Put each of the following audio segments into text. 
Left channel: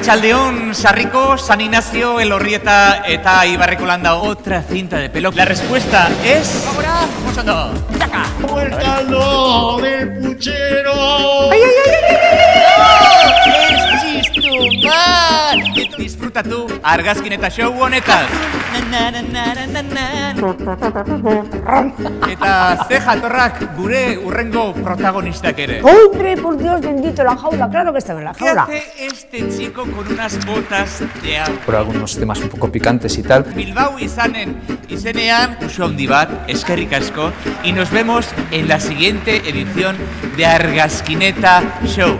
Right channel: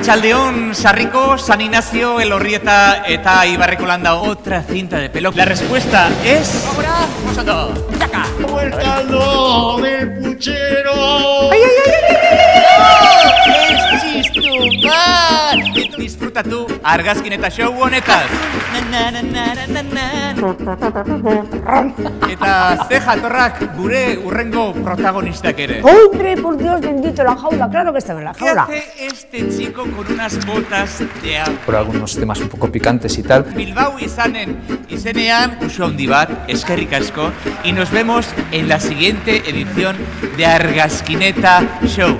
Arratsaldeon, Sarriko, San Ignacio, Elorrieta eta Ibarreko landa otra cinta de pelo. La respuesta es... ¡Ahora! ¡Vosotros! ¡Saca! ¡Suéltalo del puchero! ¡Ay, ay, ay! ¡Es chistumal! Disfruta tú, argazkin eta show honetan. Eta ze jatorrak gure urrengo protagonistak ere. ¡Hombre, por Dios bendito, la jaula! Claro que está en la jaula. ¿Qué hace este chico con unas botas de agua? Por algunos temas un poco picantes y tal. Bilbao izenean, uso handi bat, eskerrik asko, y nos vemos en la siguiente edición de Argazkineta Show.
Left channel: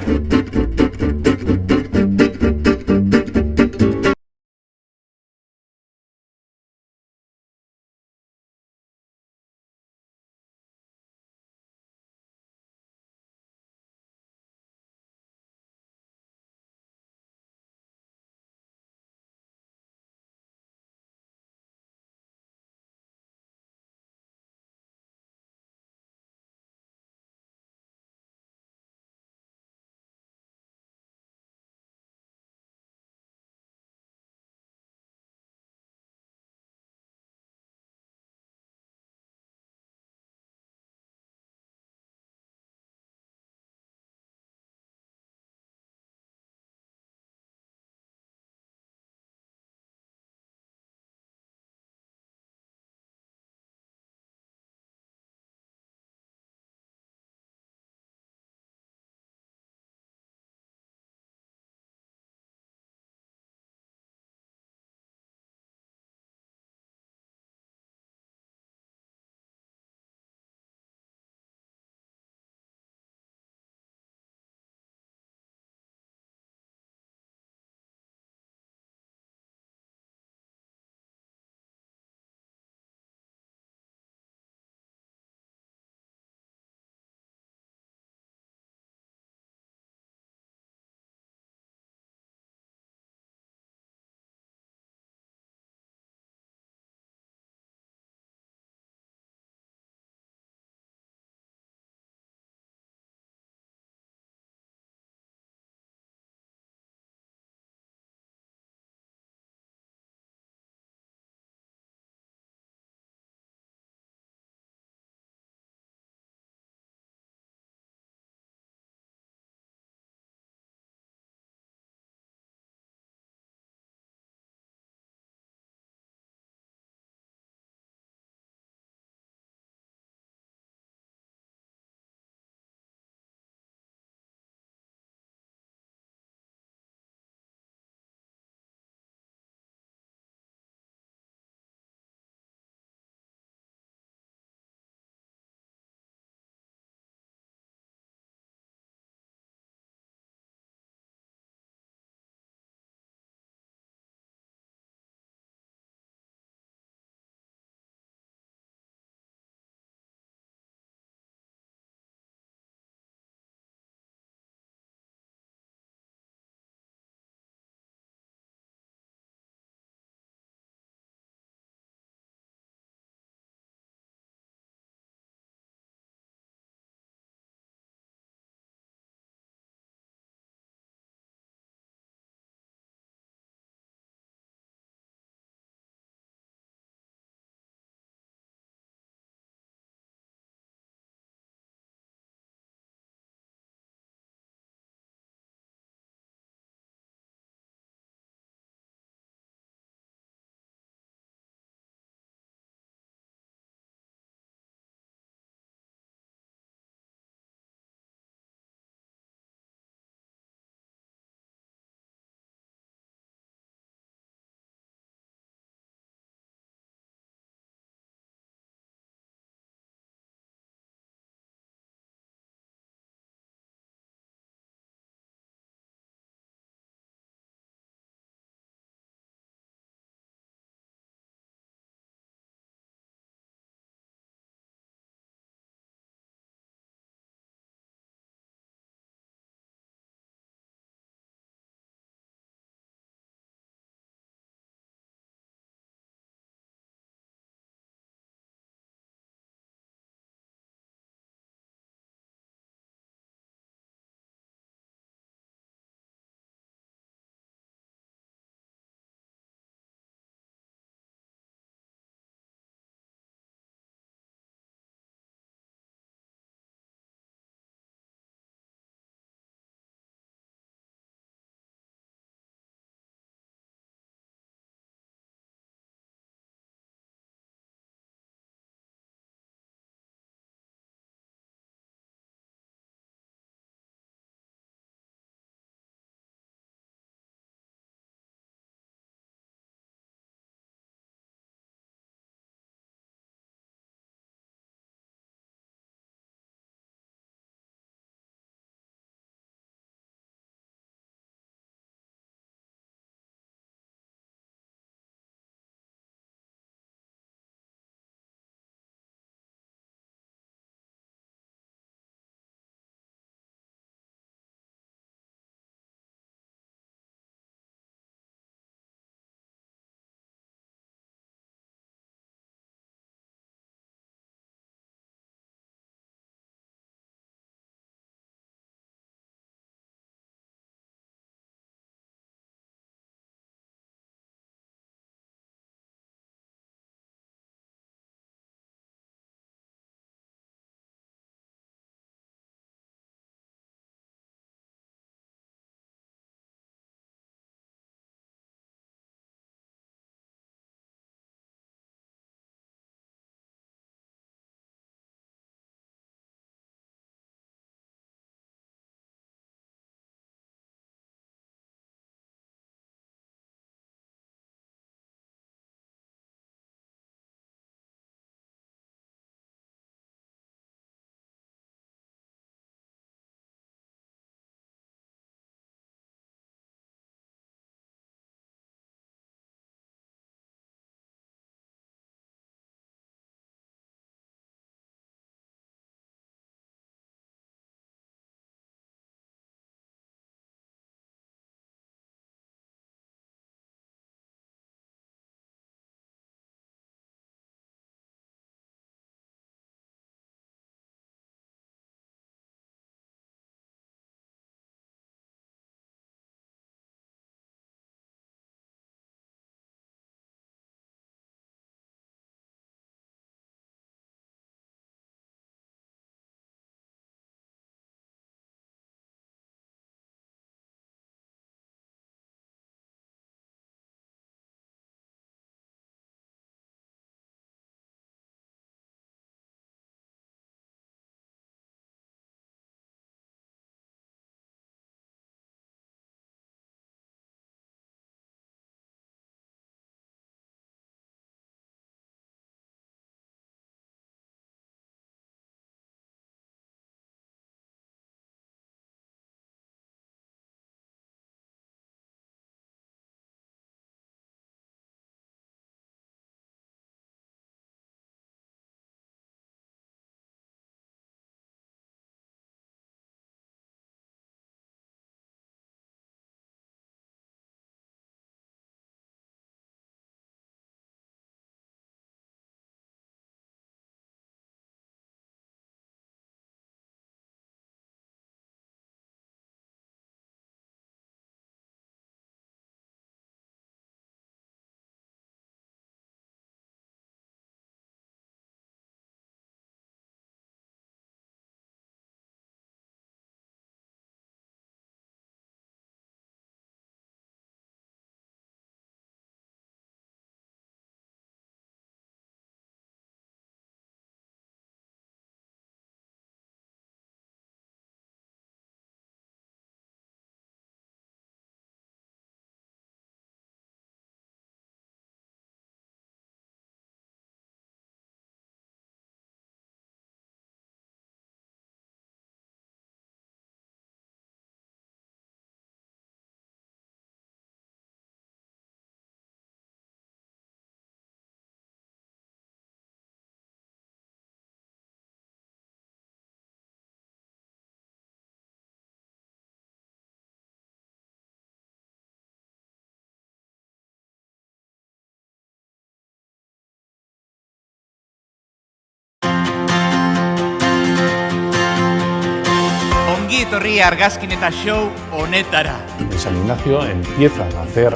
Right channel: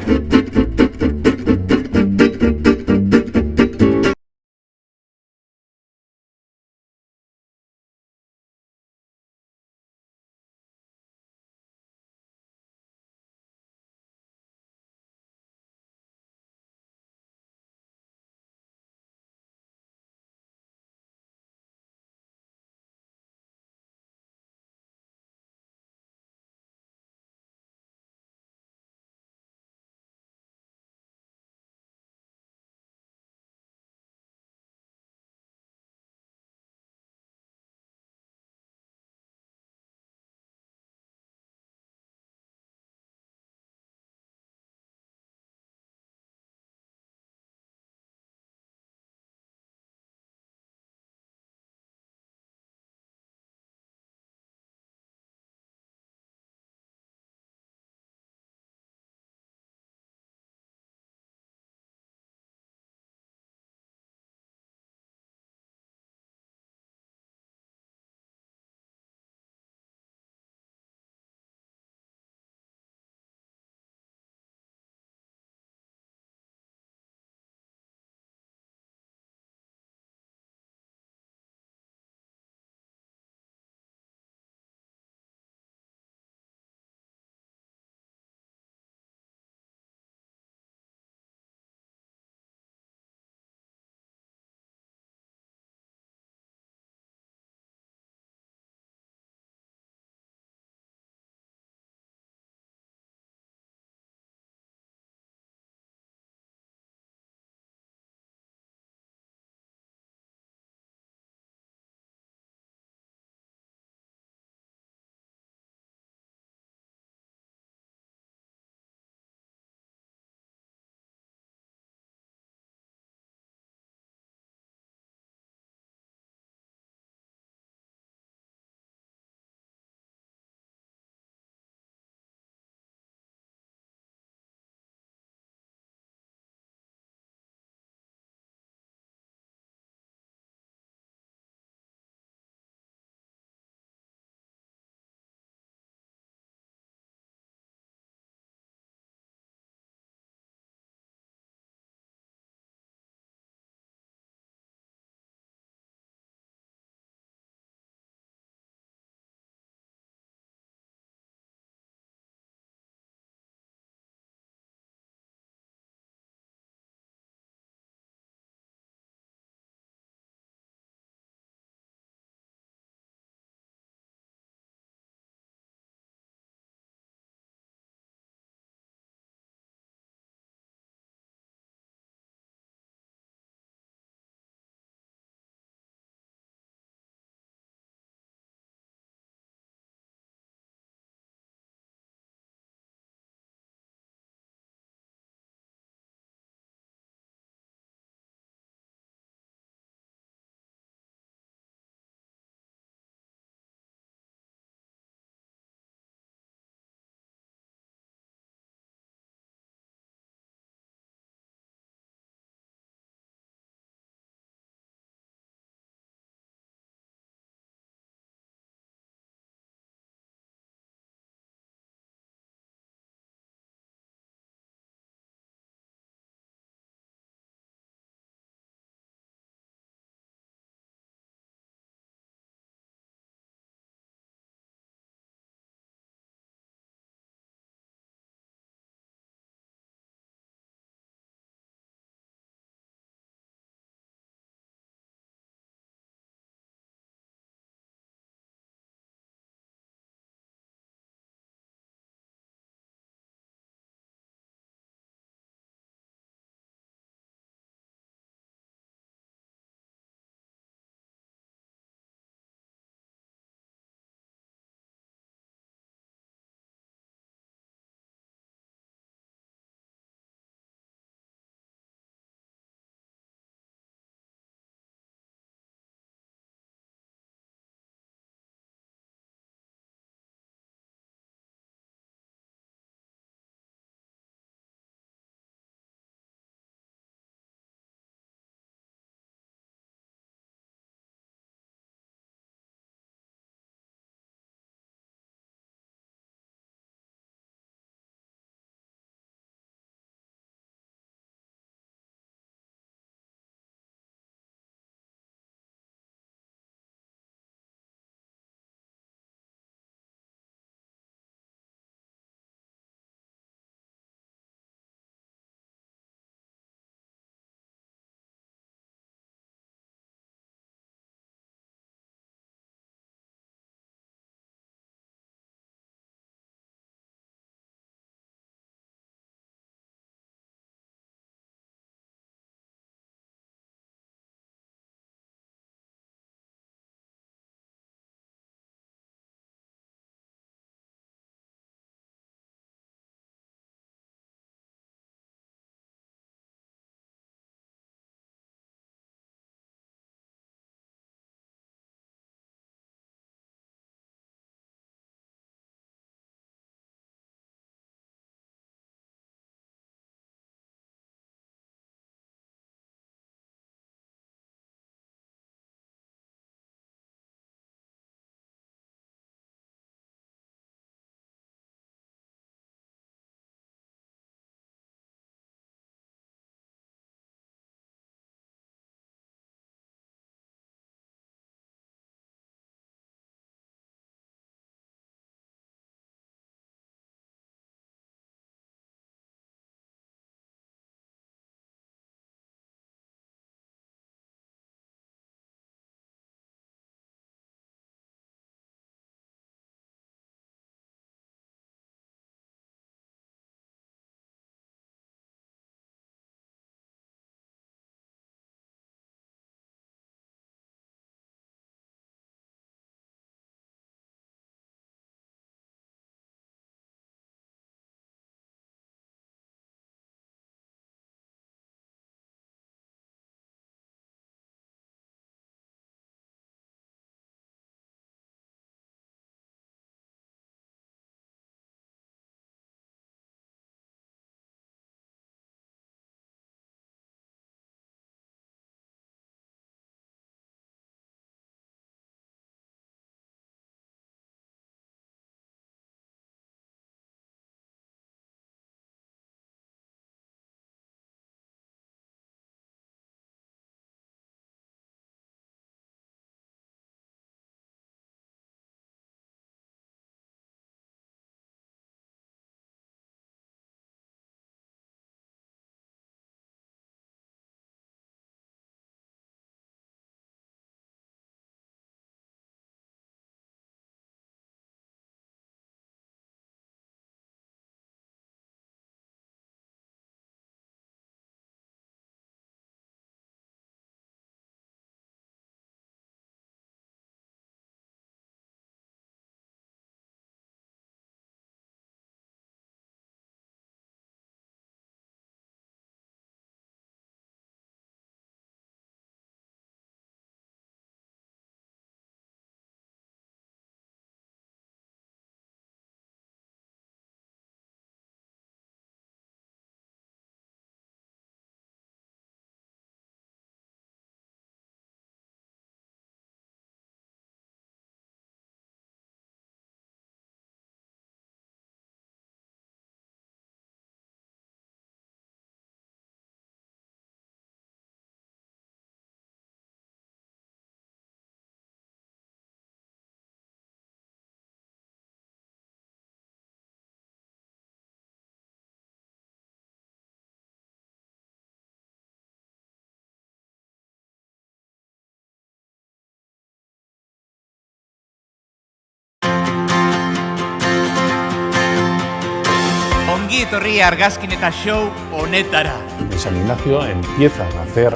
etorri Argazkineta Show honetara. En San Ignacio empiezan a hacer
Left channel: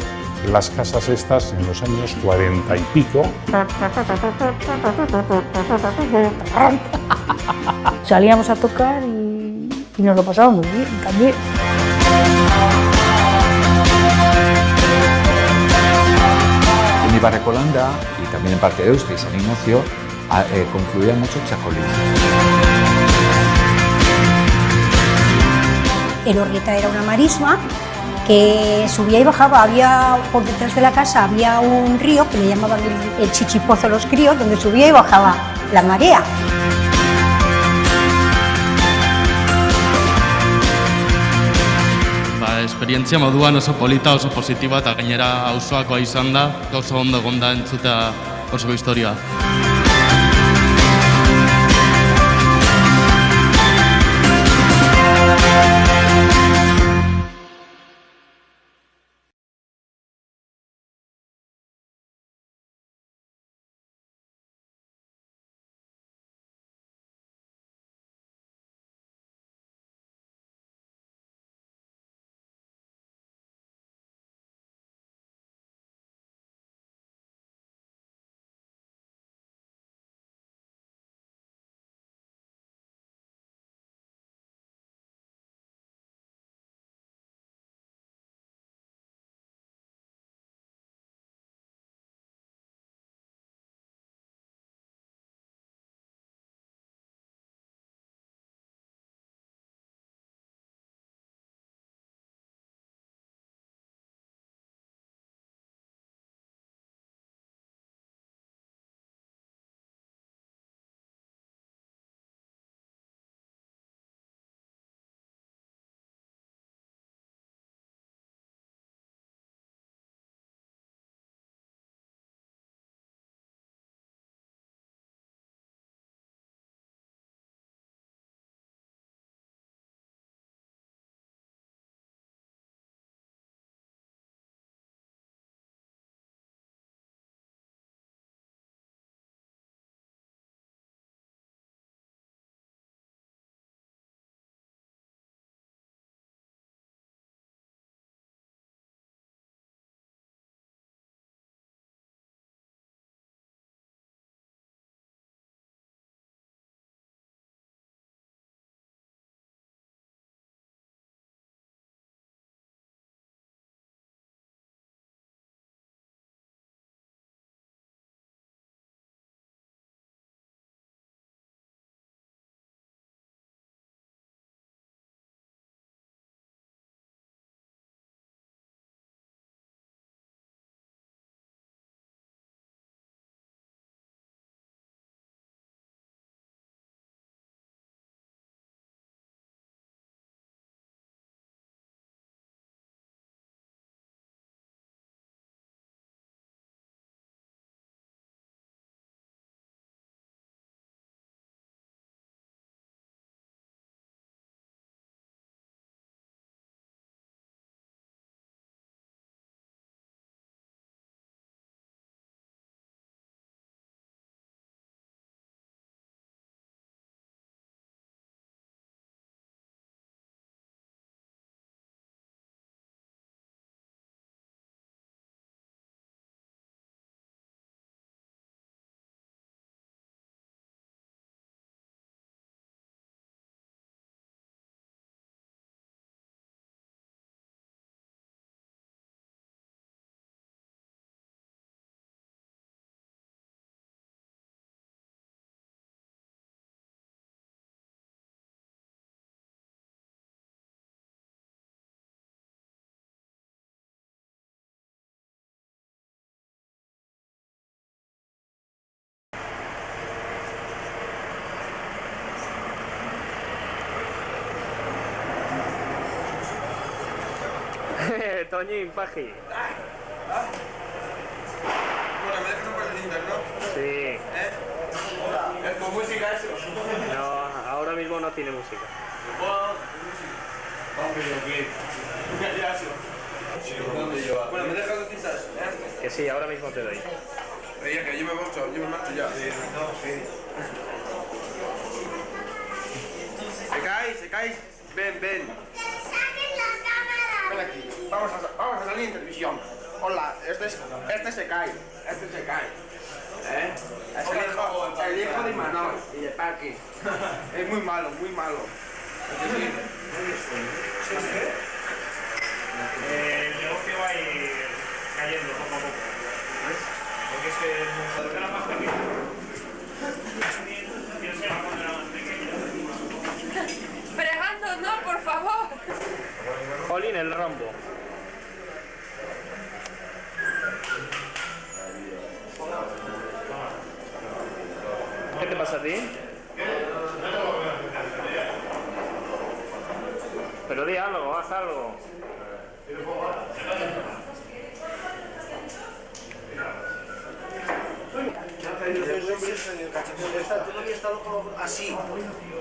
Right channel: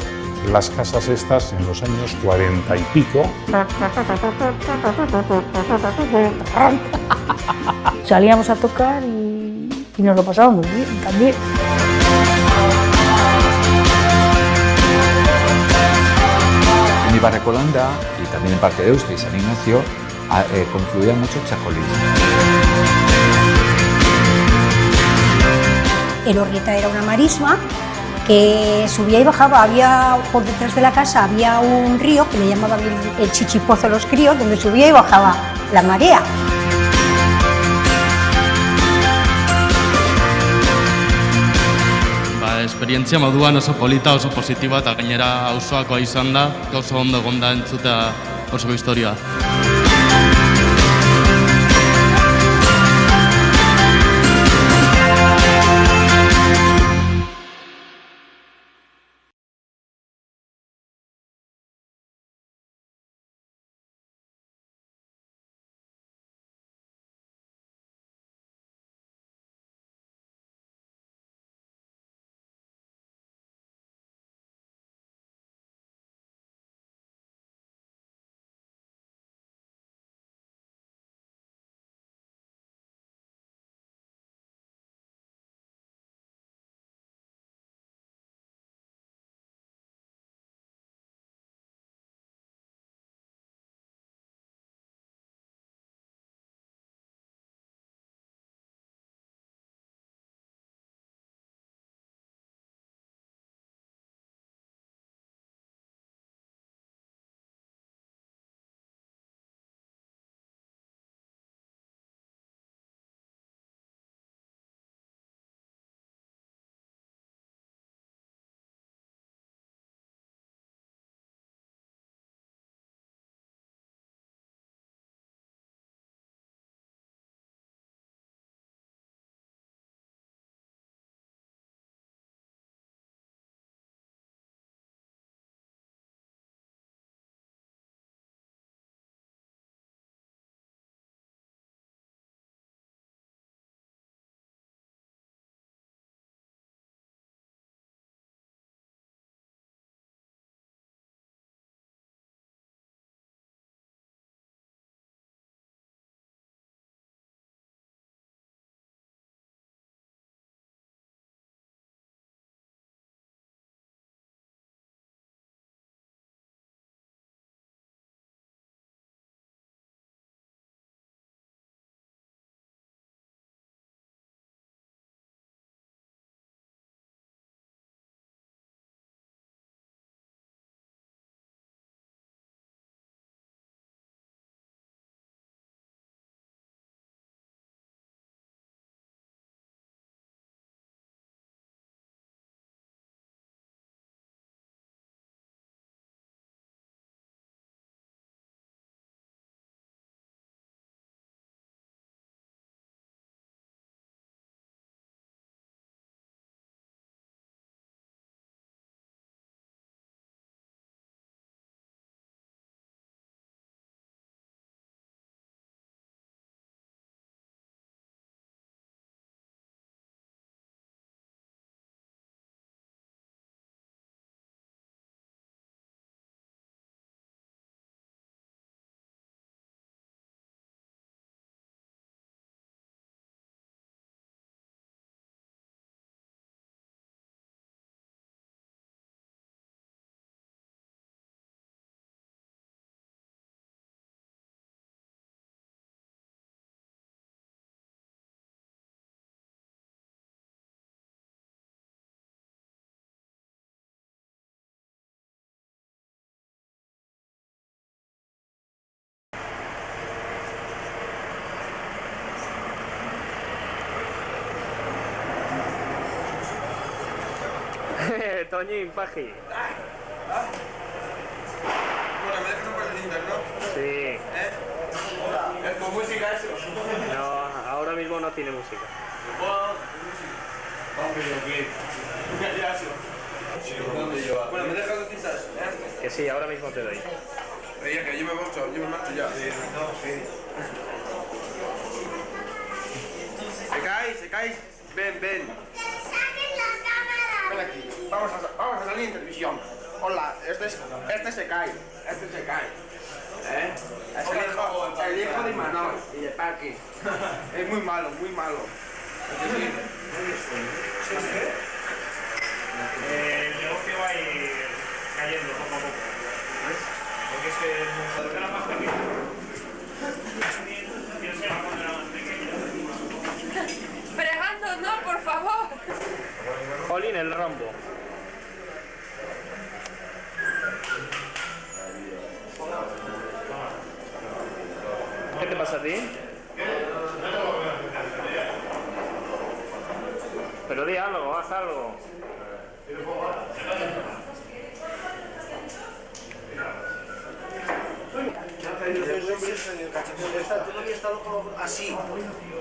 las casas estas en los años 40 y pico. Salíamos a tocar y nos lo pasábamos muy bien también. En Ibarrecolanda y también en parte de Euste y San Ignacio confluía mucho Chacolís. Elorrieta era una marisma que subía y bajaba. Había por detrás de la casa había un río que le llamaban el Chichipozo los críos, donde subía y bajaba la marea. Esperientzia moduan oso polita, oso positiba eta gainera auzoakoa izan da, oso ondo egon da entzutea oso historia. Toñín, Paji. Bueno, me dejas un par de cintas, ¿no? Sí. ¿Es con música eso? No, ahora mismo no tiene música. Bueno, me dejas dos cintas. Que sí, ahora mismo te doy. Oye, que yo me marcho ya. ¿Se cae? Ven, ven. Ven aquí. Vamos a salir en televisión. Hola, este se cae. Este se cae. ¿Eh? El hijo de Imanol y de Paqui. Es muy malo, muy malo. El negocio va a ir cayendo poco a poco. ¿Ves? Porque es que el mundo era más pequeño. Piensa cuando era más pequeño. Fregando, no, por favor. Jolín, el rombo. ¿Qué te pasa a ti? Pero di algo, haz algo. Esta, tú no habías estado así.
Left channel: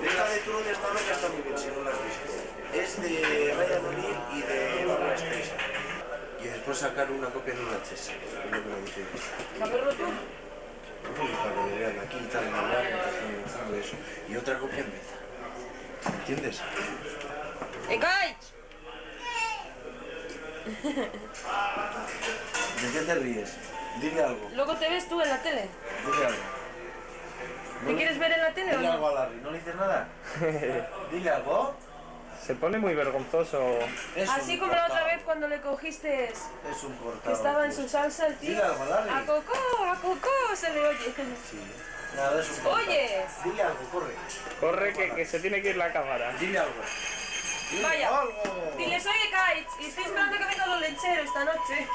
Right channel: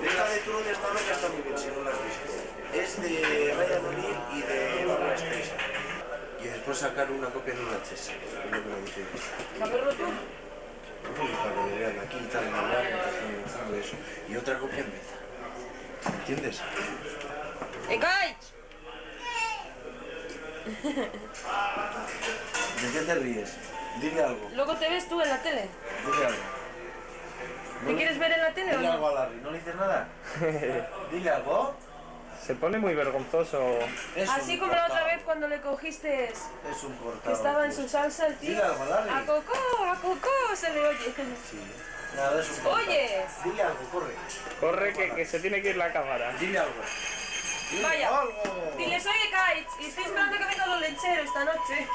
Esta de tú no habías estado que está muy bien, si no la has visto. Es de Ryan O'Neill y de Barbara Streisand. Y después sacar una copia de una VHS. Es lo que me dice. ¿Saberlo tú? Para que me vean aquí y tal, todo eso. Y otra copia en beta. ¿Entiendes? ¡Ekaich! ¿De qué te ríes? Dile algo. Luego te ves tú en la tele. Dile algo. ¿Te quieres ver en la tele o Dile algo no? a Larry. ¿No le dices nada? Dile algo. Se pone muy vergonzoso. Es Así un como la otra cortado. vez cuando le cogiste Es un cortado. que estaba en su salsa el tío. Dile algo, Larry. ¡A Coco! Se le oye. Sí. Nada, es un cortado. ¿Oyes? Dile algo, corre. Corre que se tiene que ir la cámara. Dile algo. Dile Vaya. algo. Dile, soy Ekaich y estoy esperando que vengan los lecheros esta noche.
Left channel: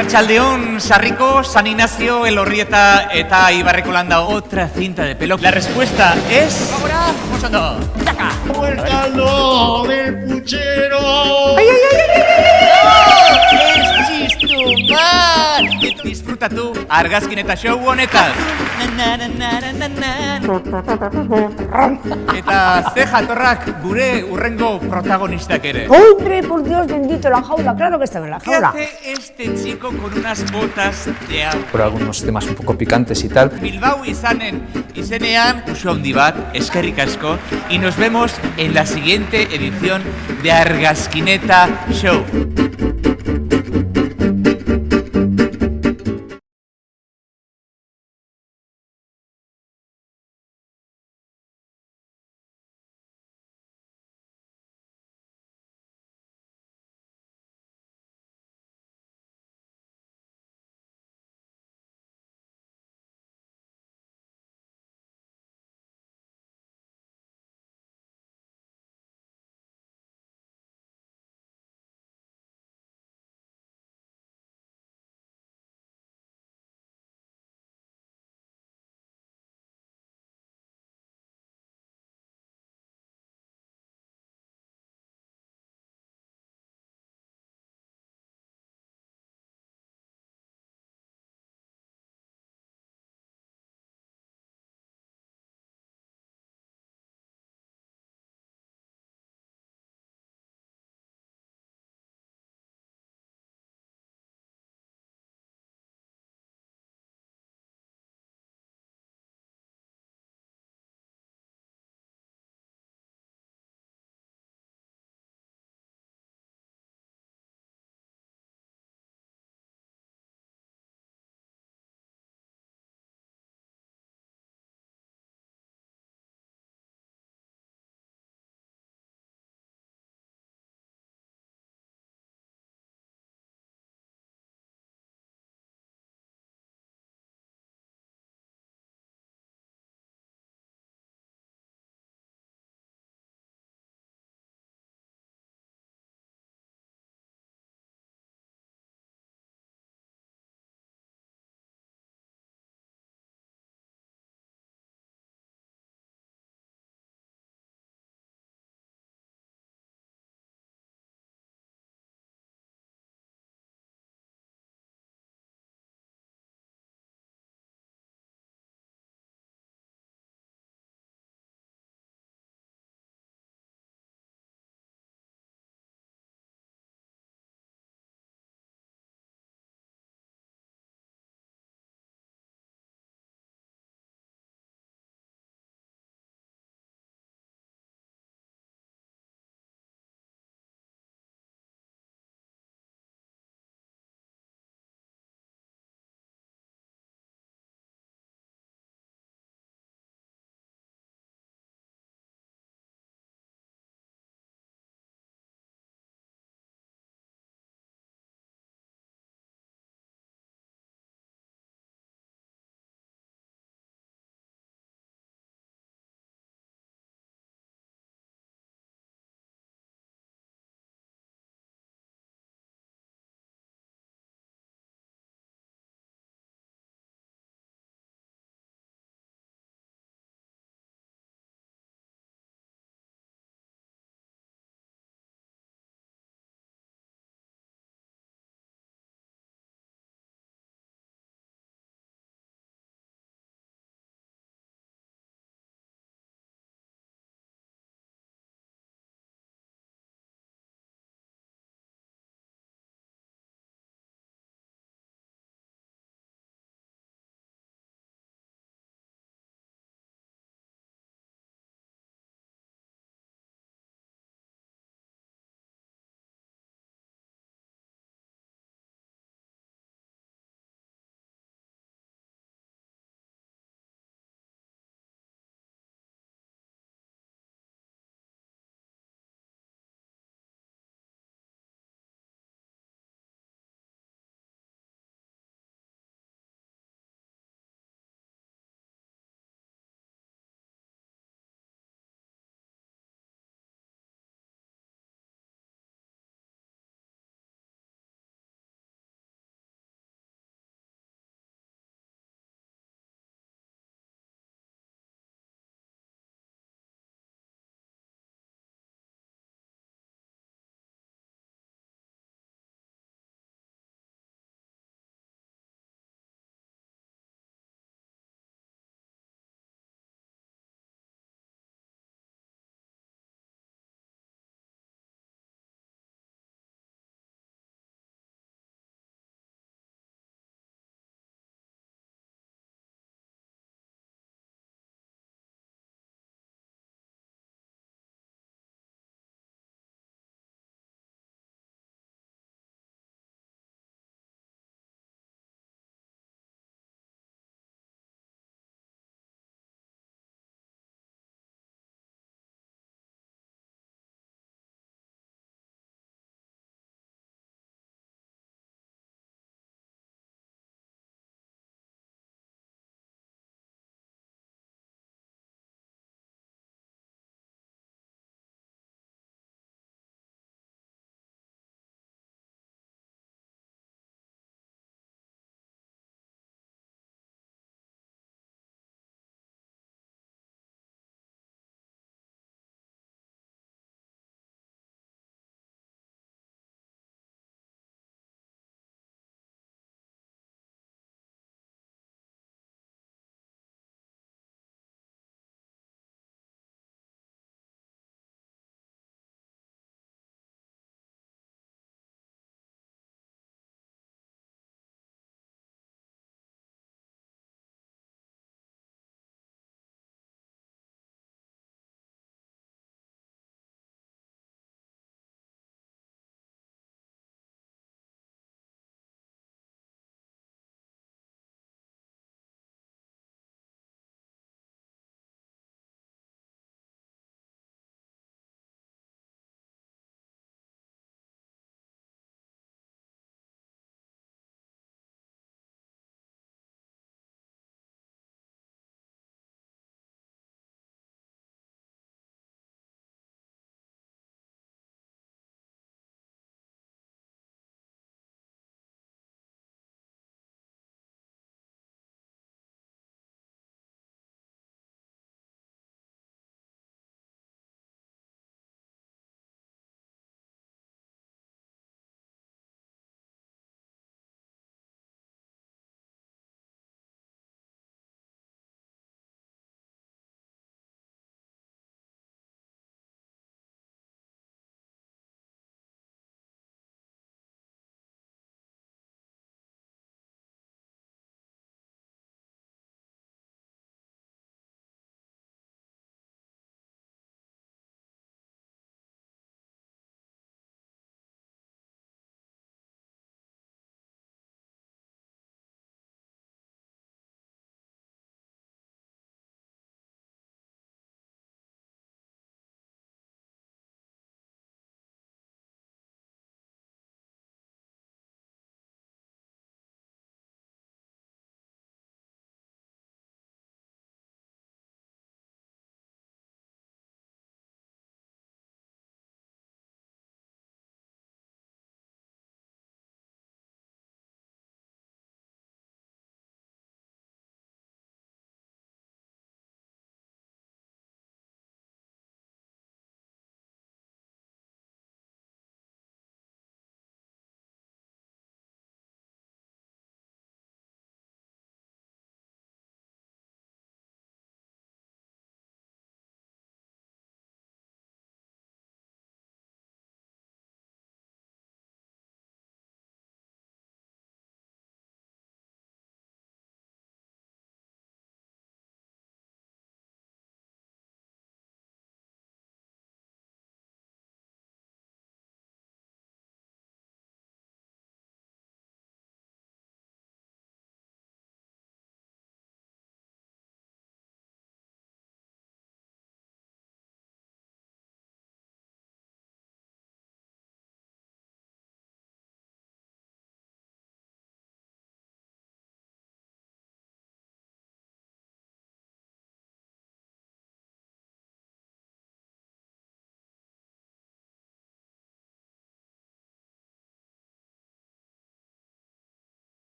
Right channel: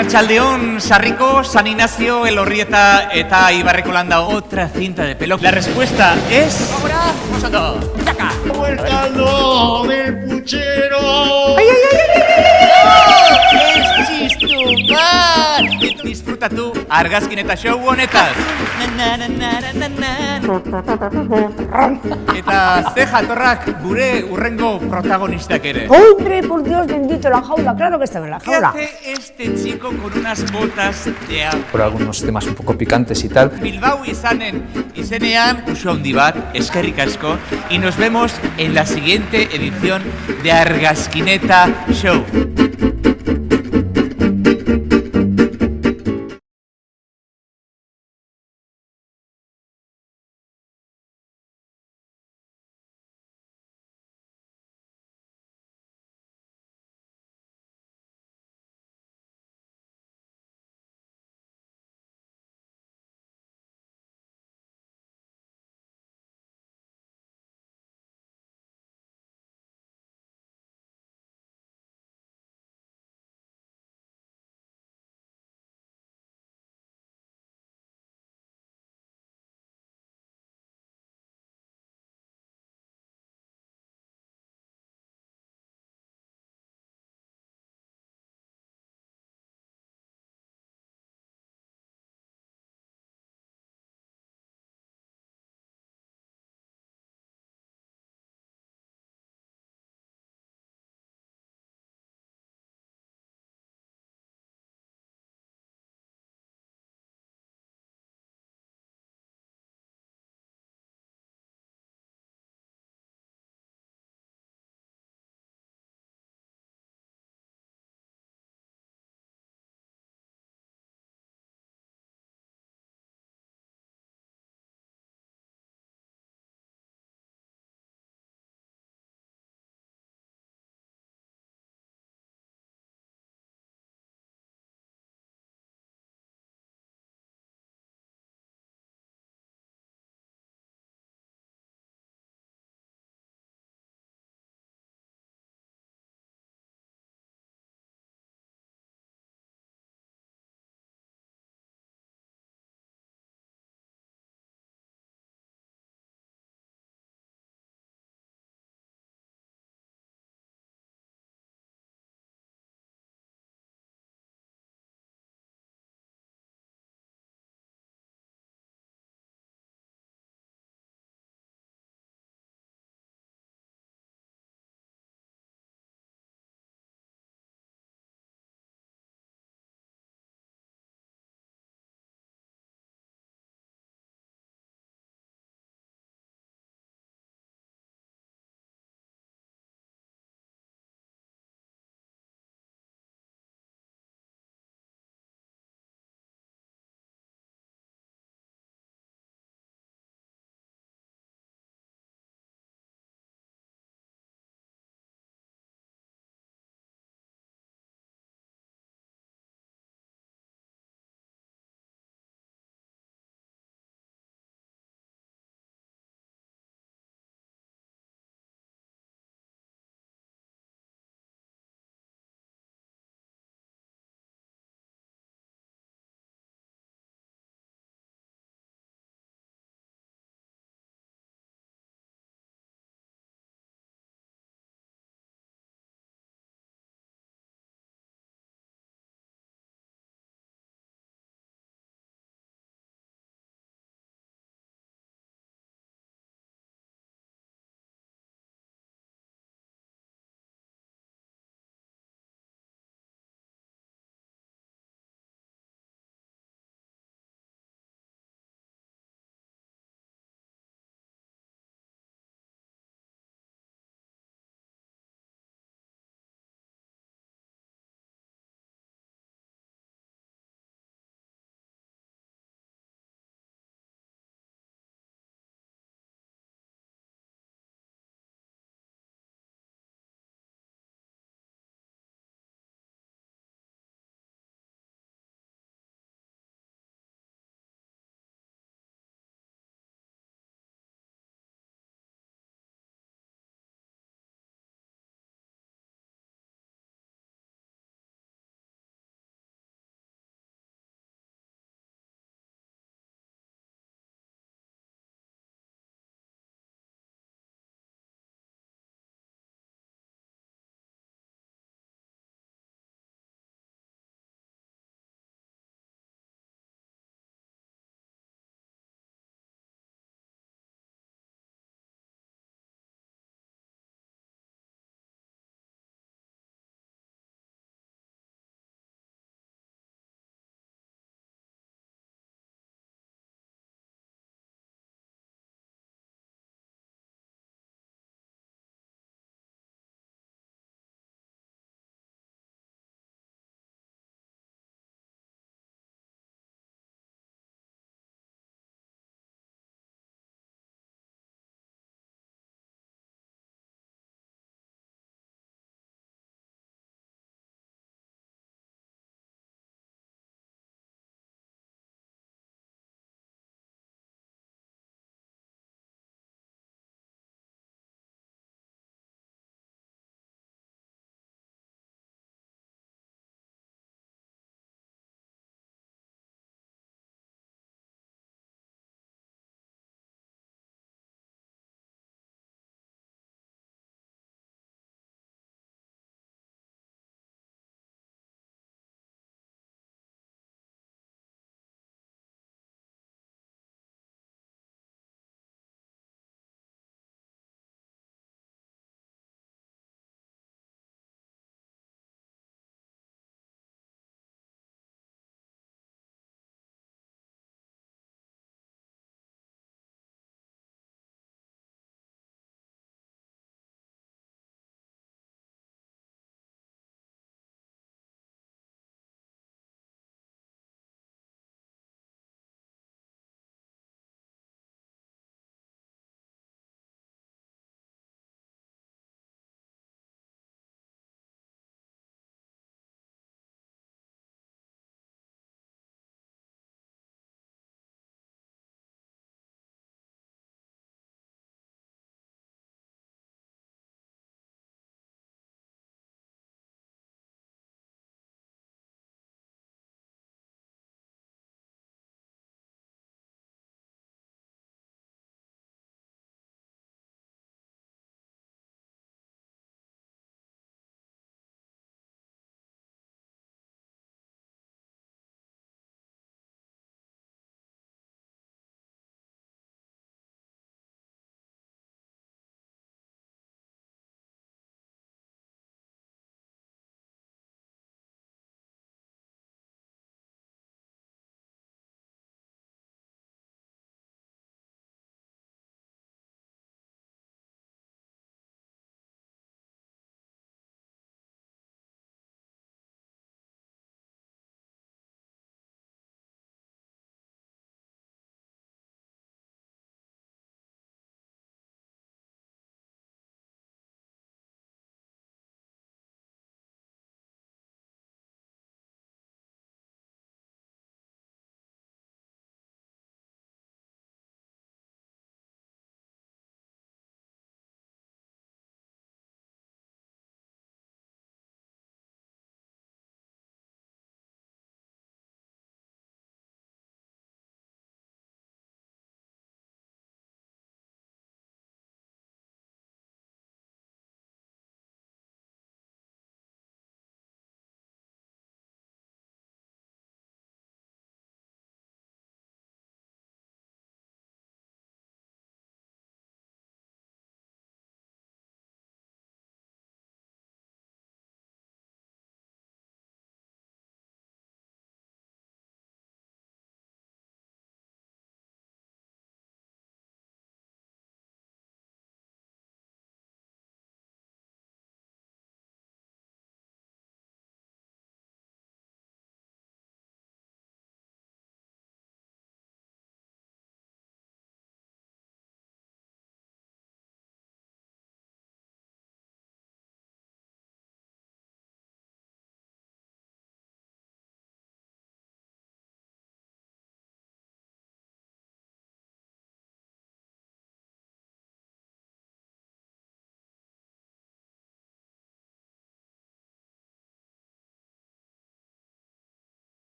Arratsaldeon, Sarriko, San Ignacio, Elorrieta eta Ibarreko Landa, otra cinta de pelo. La respuesta es... Ahora, vosotros. ¡Taca! ¡El caldo del puchero! ¡Ay! Disfruta tú, Argazkineta show honetan. Eta ze jatorrak gure urrengo protagonistak ere. ¡Hombre, por Dios bendito, la jaula! Claro que estaba en la ¿Qué jaula. hace este chico con unas botas de agua? Por algunos temas un poco picantes y tal. Bilbao izenean, uso handi bat, eskerrik asko, y nos vemos en la siguiente edición de Argazkineta Show.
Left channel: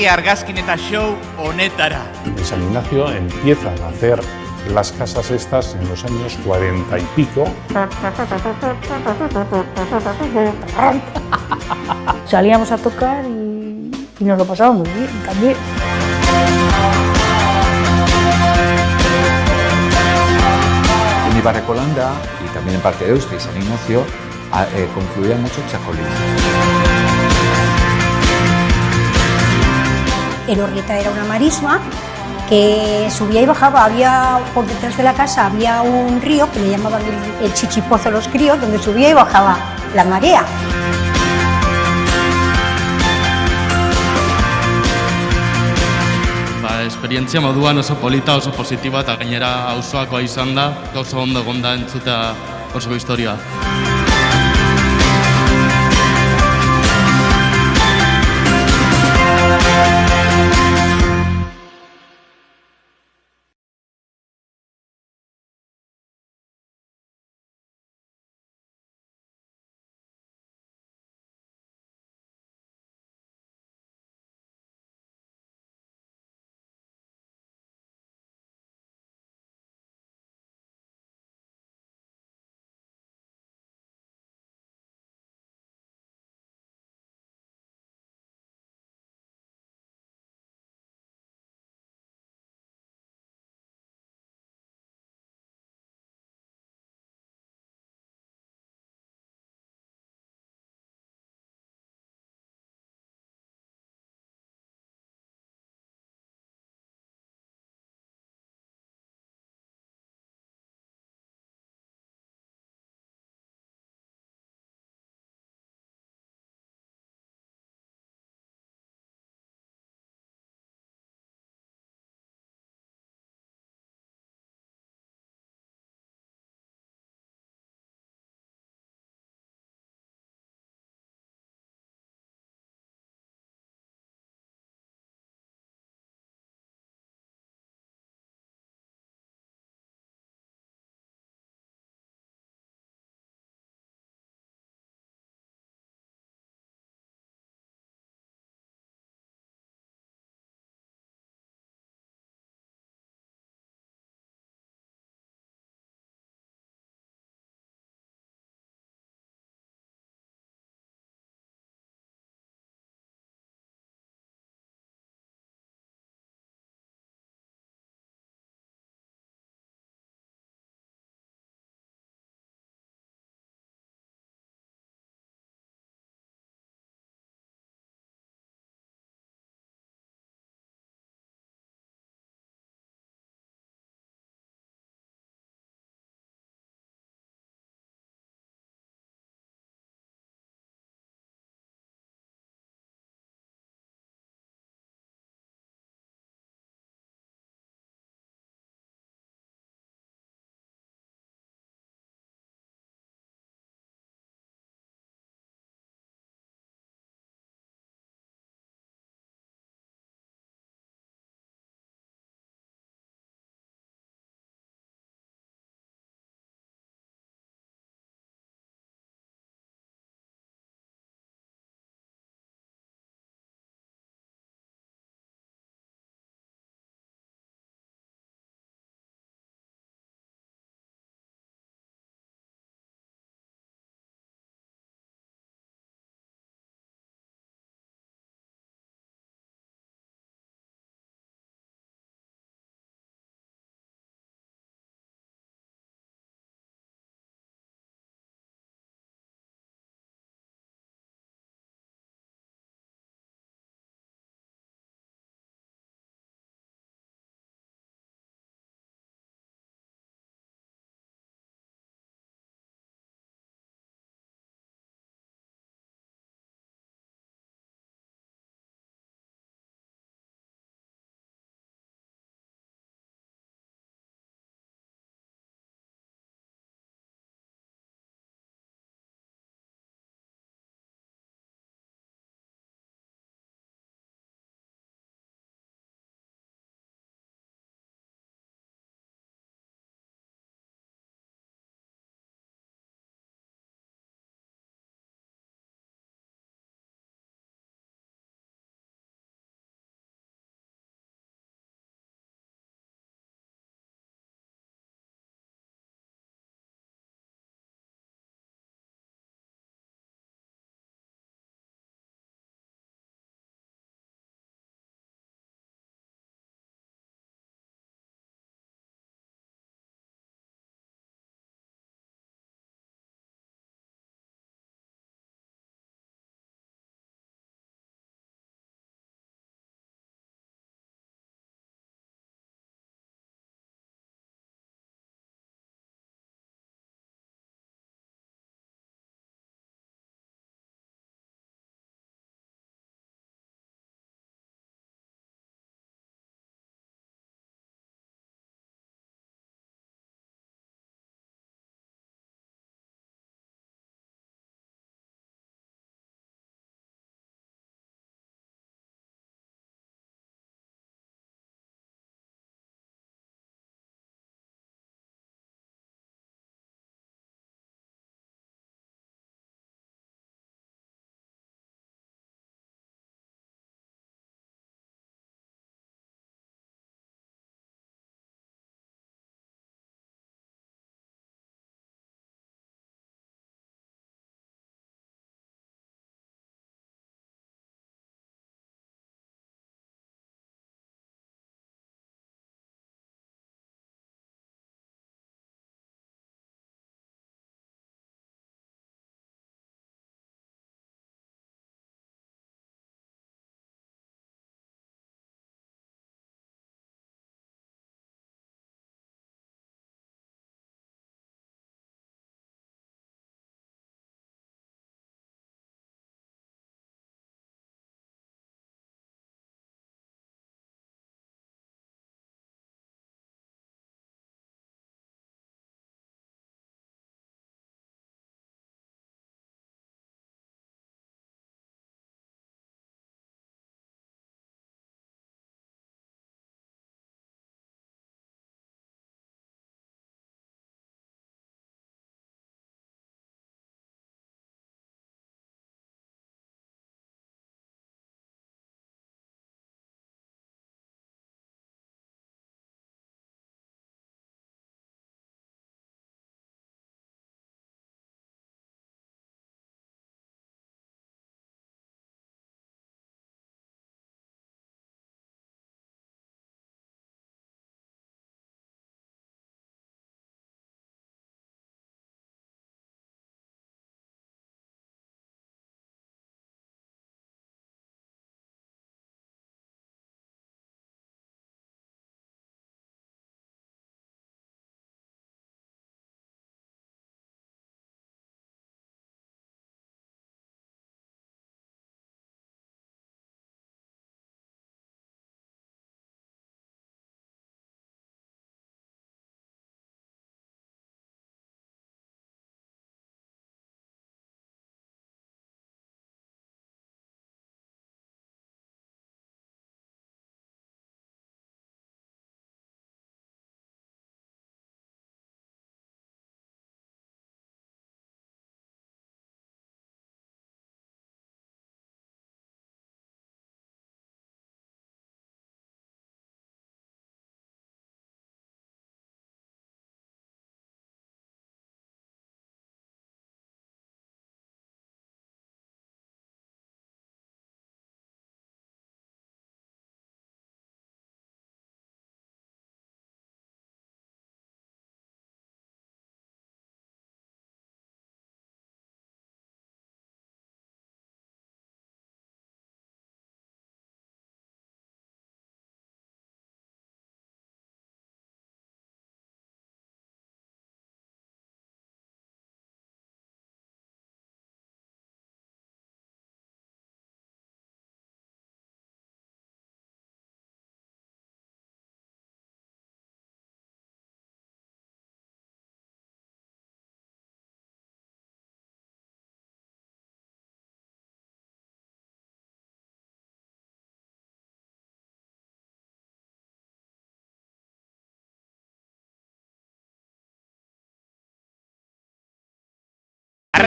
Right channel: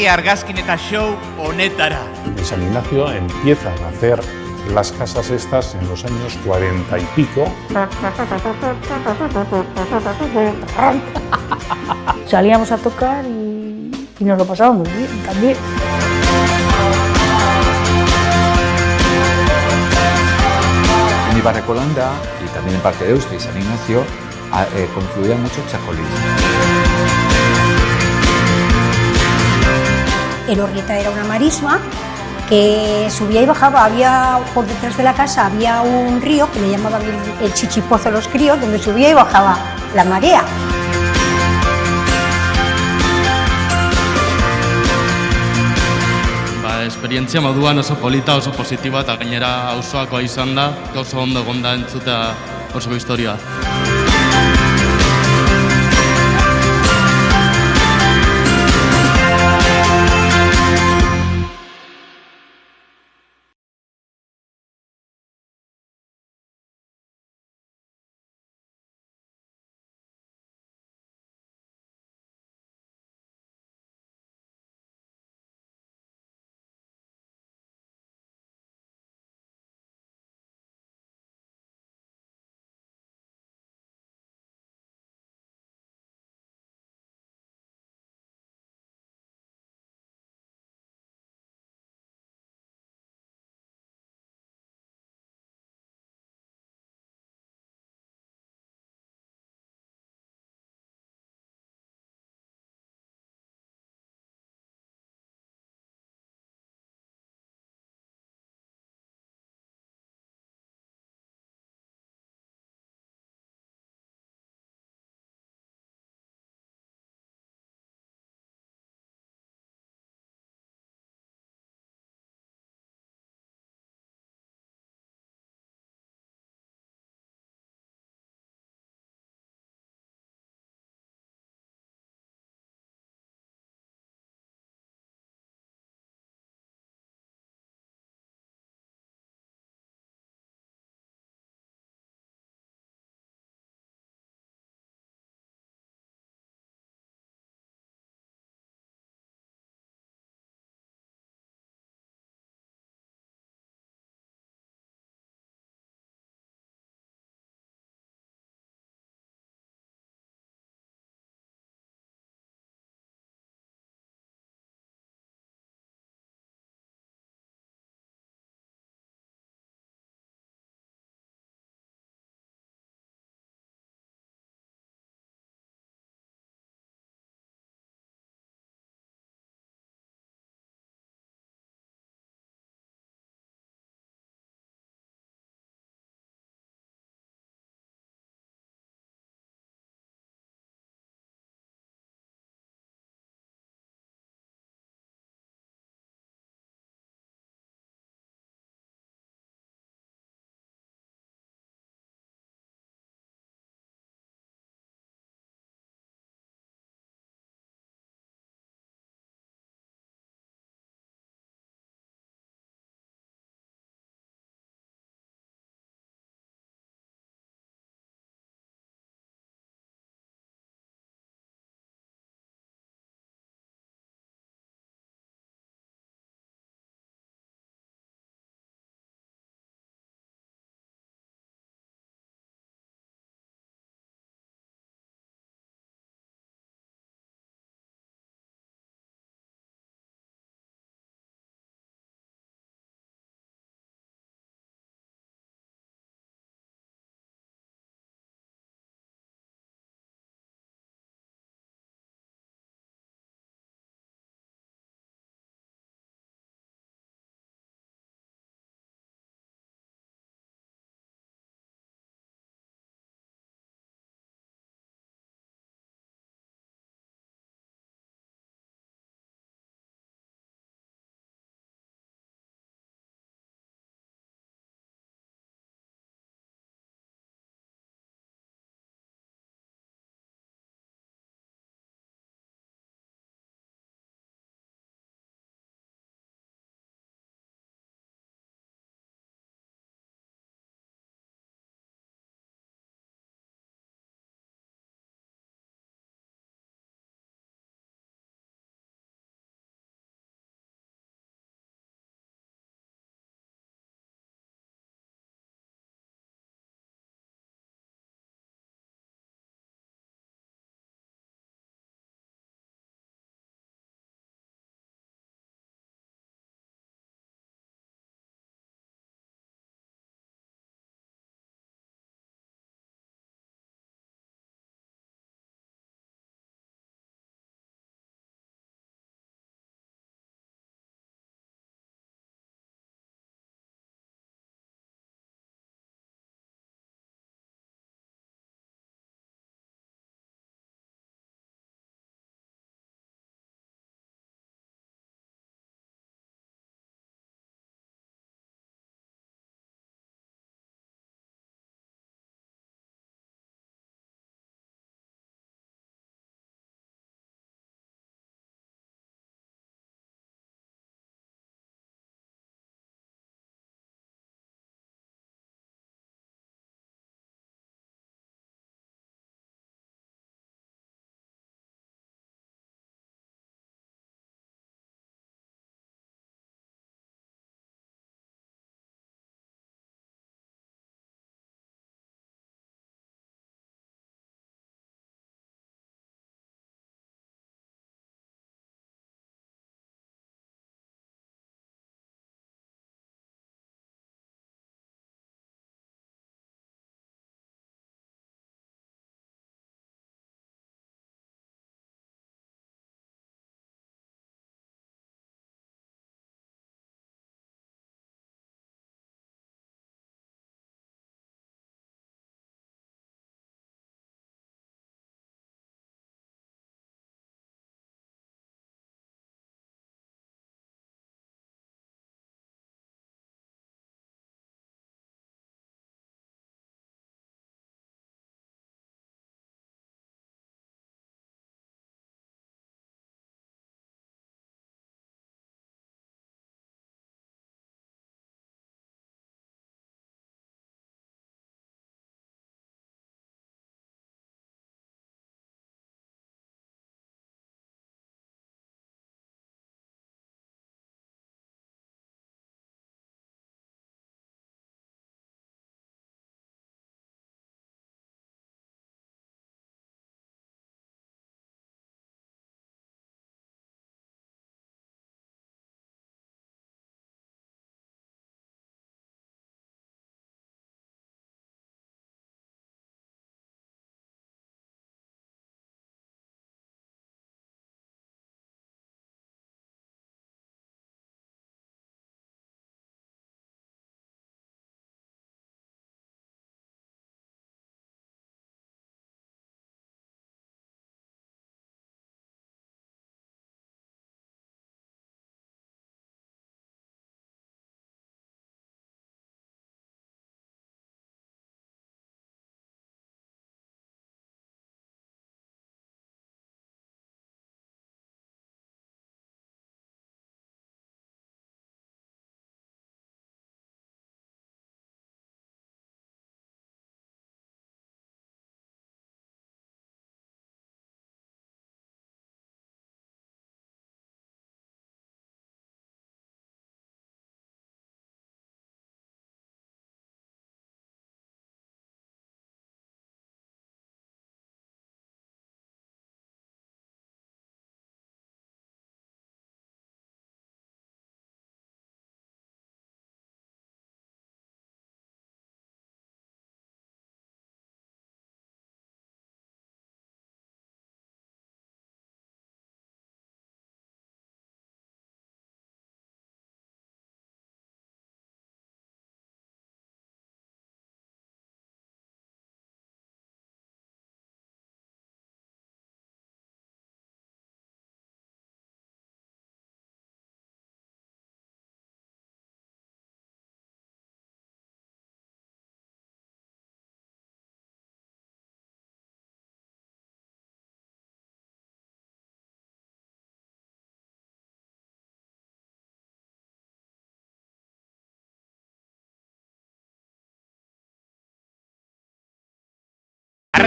etorri Argazkineta Show honetara. En San Ignacio empiezan a hacer las casas estas en los años 40 y pico. Salíamos a tocar y nos lo pasábamos bien también. En Ibarrecolanda y también en parte de Deusto y San Ignacio confluían mucho chacolís. Elorrieta era una marisma que subía y bajaba, había por detrás de la casa había un río que le llamaban el Chichipozo de los Críos, donde subía y bajaba la marea. Esperientzia moduan oso polita, oso positiba eta gainera auzoakoa izan da, oso ondo egon da entzutea oso historia.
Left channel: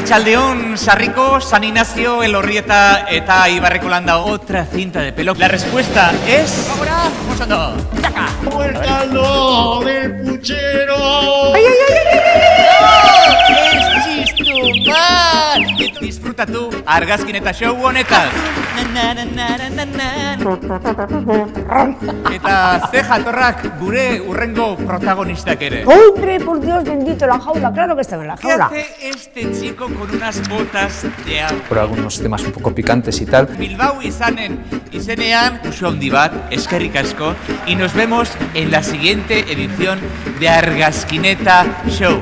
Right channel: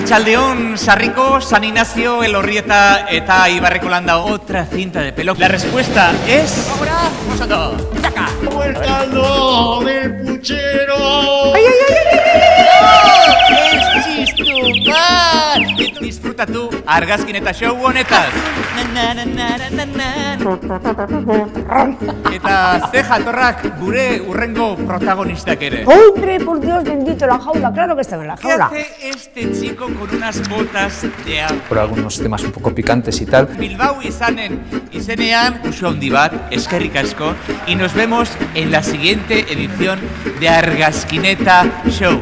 Arratsaldeon, Sarriko, San Ignacio, Elorrieta eta Ibarrekolanda, otra cinta de pelo. La respuesta es... ¡Ahora! ¡Vosotros! ¡Saca! ¡Suéltalo del puchero! Disfruta tú, Argazkineta show honetan. Eta ze jatorrak gure urrengo protagonistak ere. ¡Hombre, por Dios bendito, la jaula! Claro que estaba en la ¿Qué jaula. hace este chico con unas botas de agua? Por algunos temas un poco picantes y tal. Bilbao izenean, uso handi bat, eskerrik asko, y nos vemos en la siguiente edición de Argazkineta Show.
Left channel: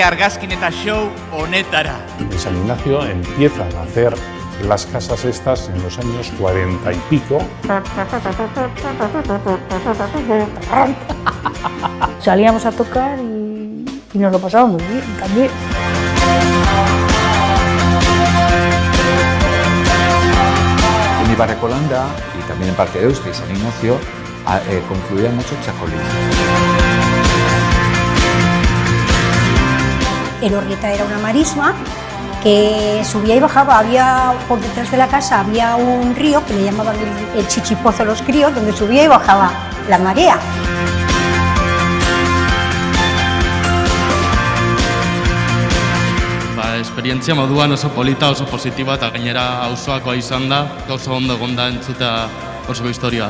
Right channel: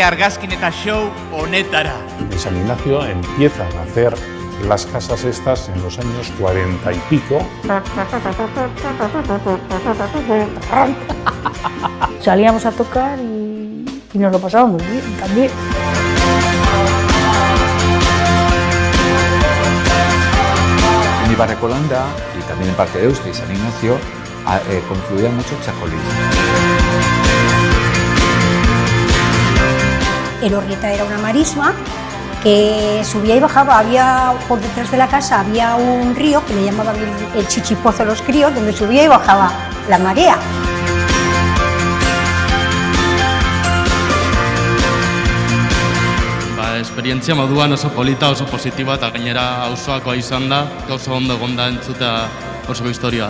etorri Argazkineta Show honetara. En San Ignacio empiezan a hacer las casas estas en los años 40 y pico. Salíamos a tocar y nos lo pasábamos muy bien también. En Ibarrecolanda y también en parte de Euste y San Ignacio confluía mucho Chacolís. Elorrieta era una marisma que subía y bajaba. Había por detrás de la casa había un río que le llamaban el Chichipozo los críos, donde subía y bajaba la marea. Esperientzia moduan oso polita, oso positiba eta gainera auzoakoa izan da, oso ondo egon da entzutea oso historia.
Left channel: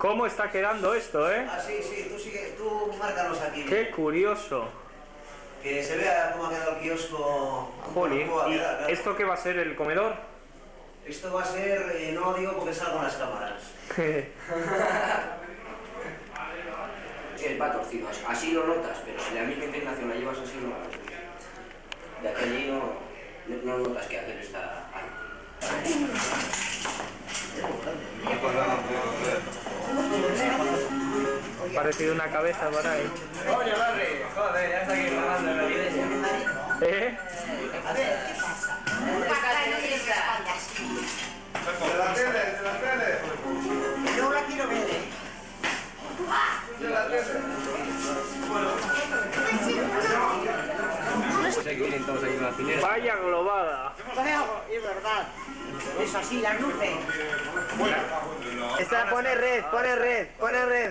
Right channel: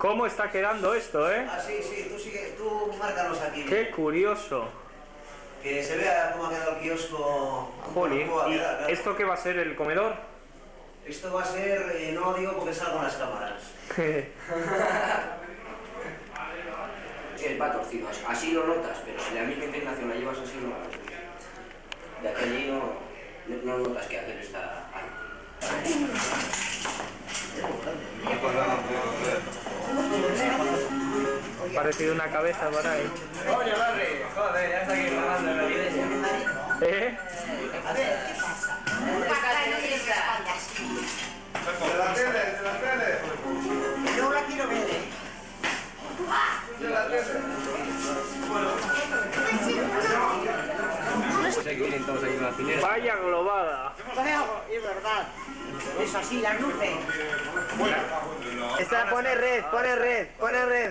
¿Cómo está quedando esto, eh? Ah, sí, tú márcalos aquí. Qué curioso. Que se vea cómo ha quedado el kiosco. Jolín, cómo va a ¿y quedar, claro. esto qué va a ser, el comedor? Esto va a ser, no lo digo porque salgo en las cámaras. Va torcido, así lo notas, pero si la misma inclinación la llevas así, no la notas. De aquí a allí no notas que aquel está ahí. Parecido una cabeza por ahí. Oye, Barry, joder, ya está aquí grabando la evidencia. ¿Eh? A ver, ¿qué pasa? De la tele. No la quiero ver, De la tele. Pues aquí vienen todos aquí con la cinera. Vaya globada. Es verdad. Es así, las luces. Pone red.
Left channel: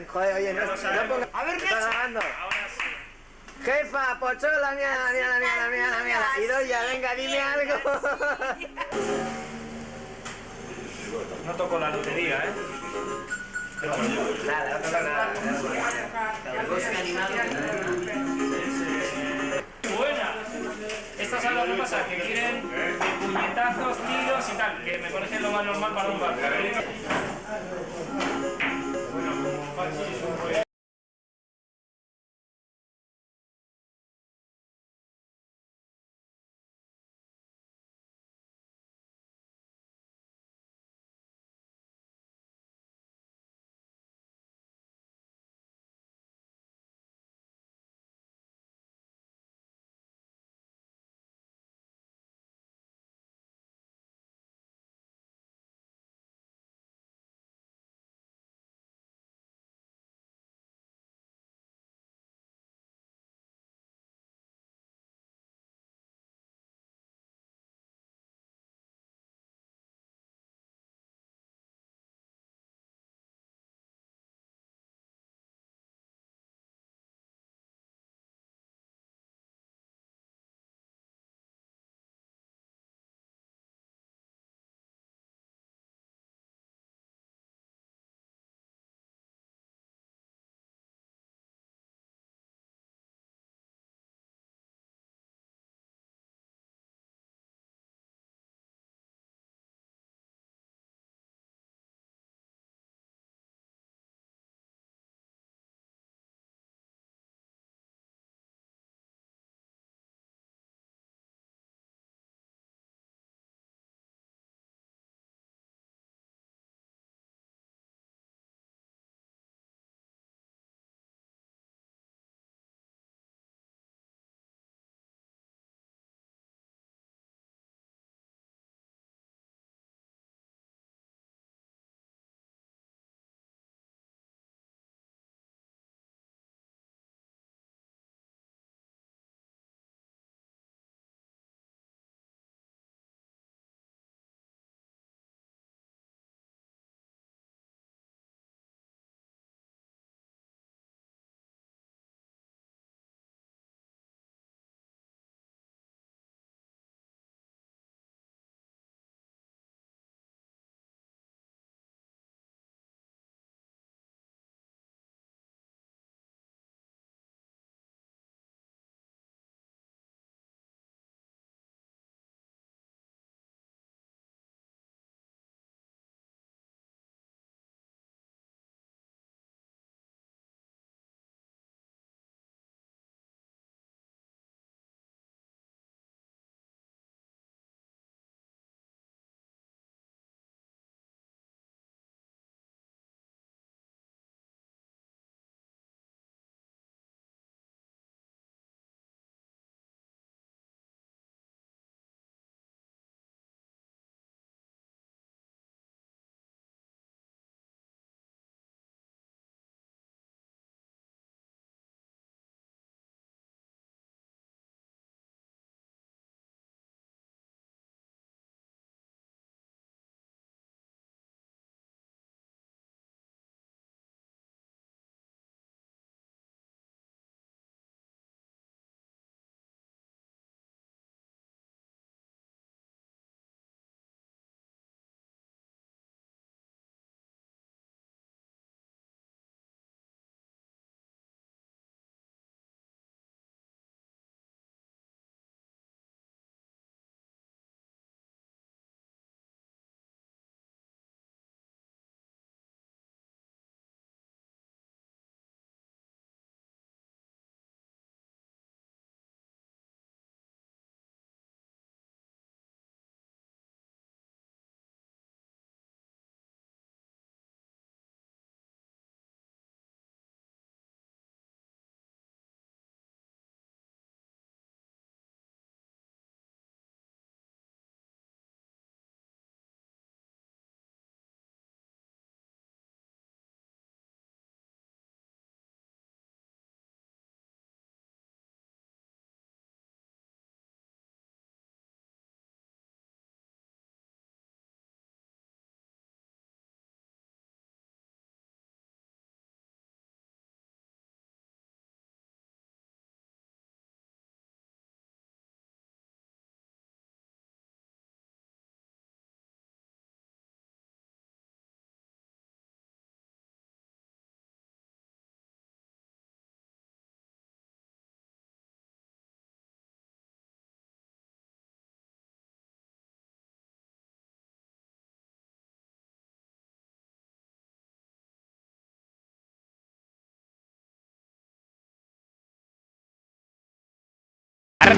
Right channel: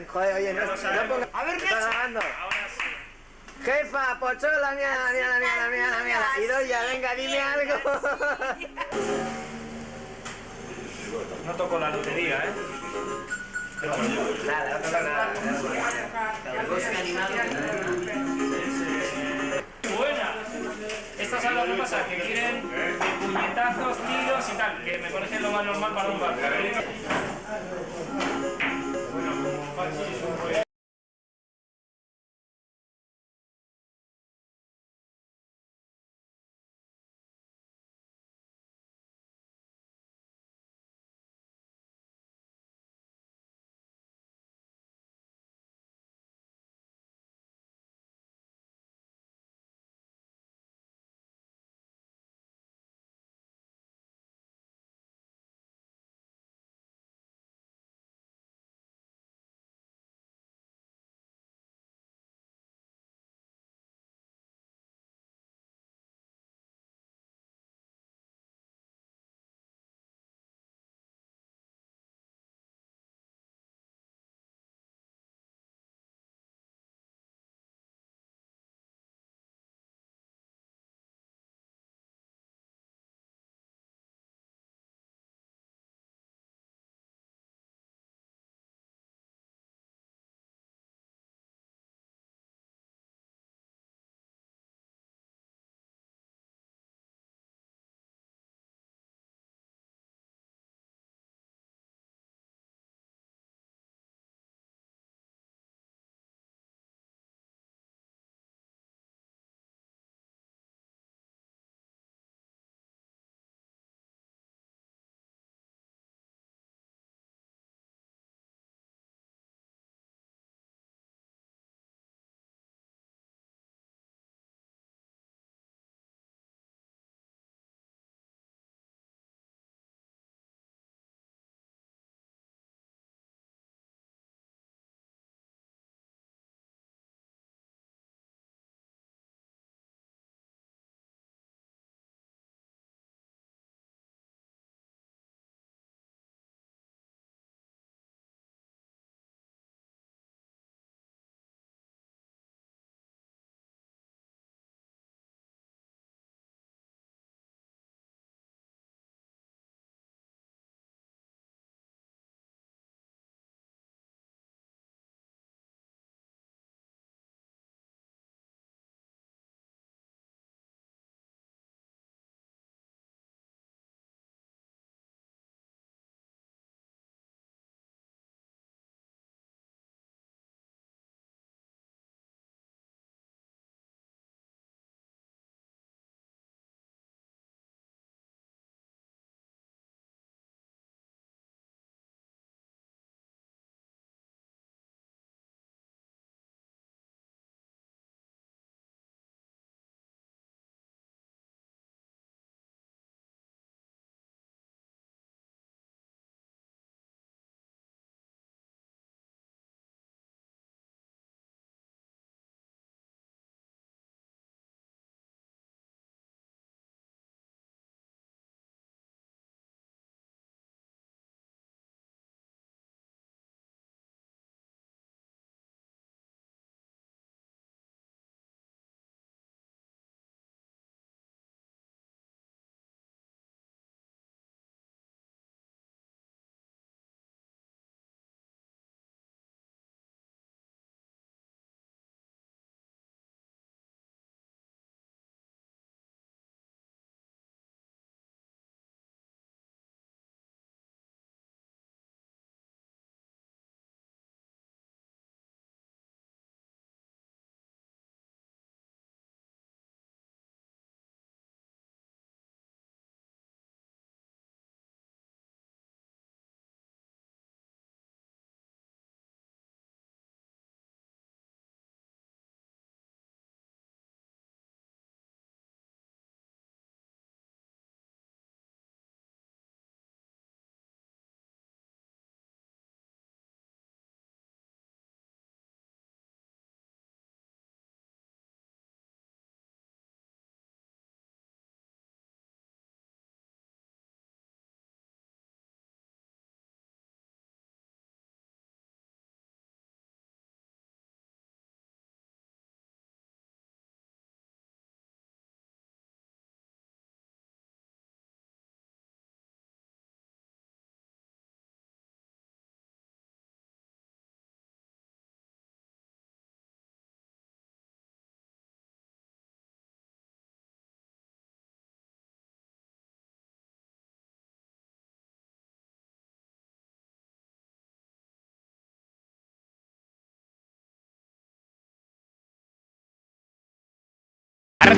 Joder, oye, no ponga... A ver, Está grabando. Jefa, pochola, mía. Idoia, venga, dime algo. No toco la lotería, ¿eh? Nada, no toca nada. Buena. Estas son las que pasa, que quieren puñetazos, tiros y tal, que me parece lo más normal para un bar.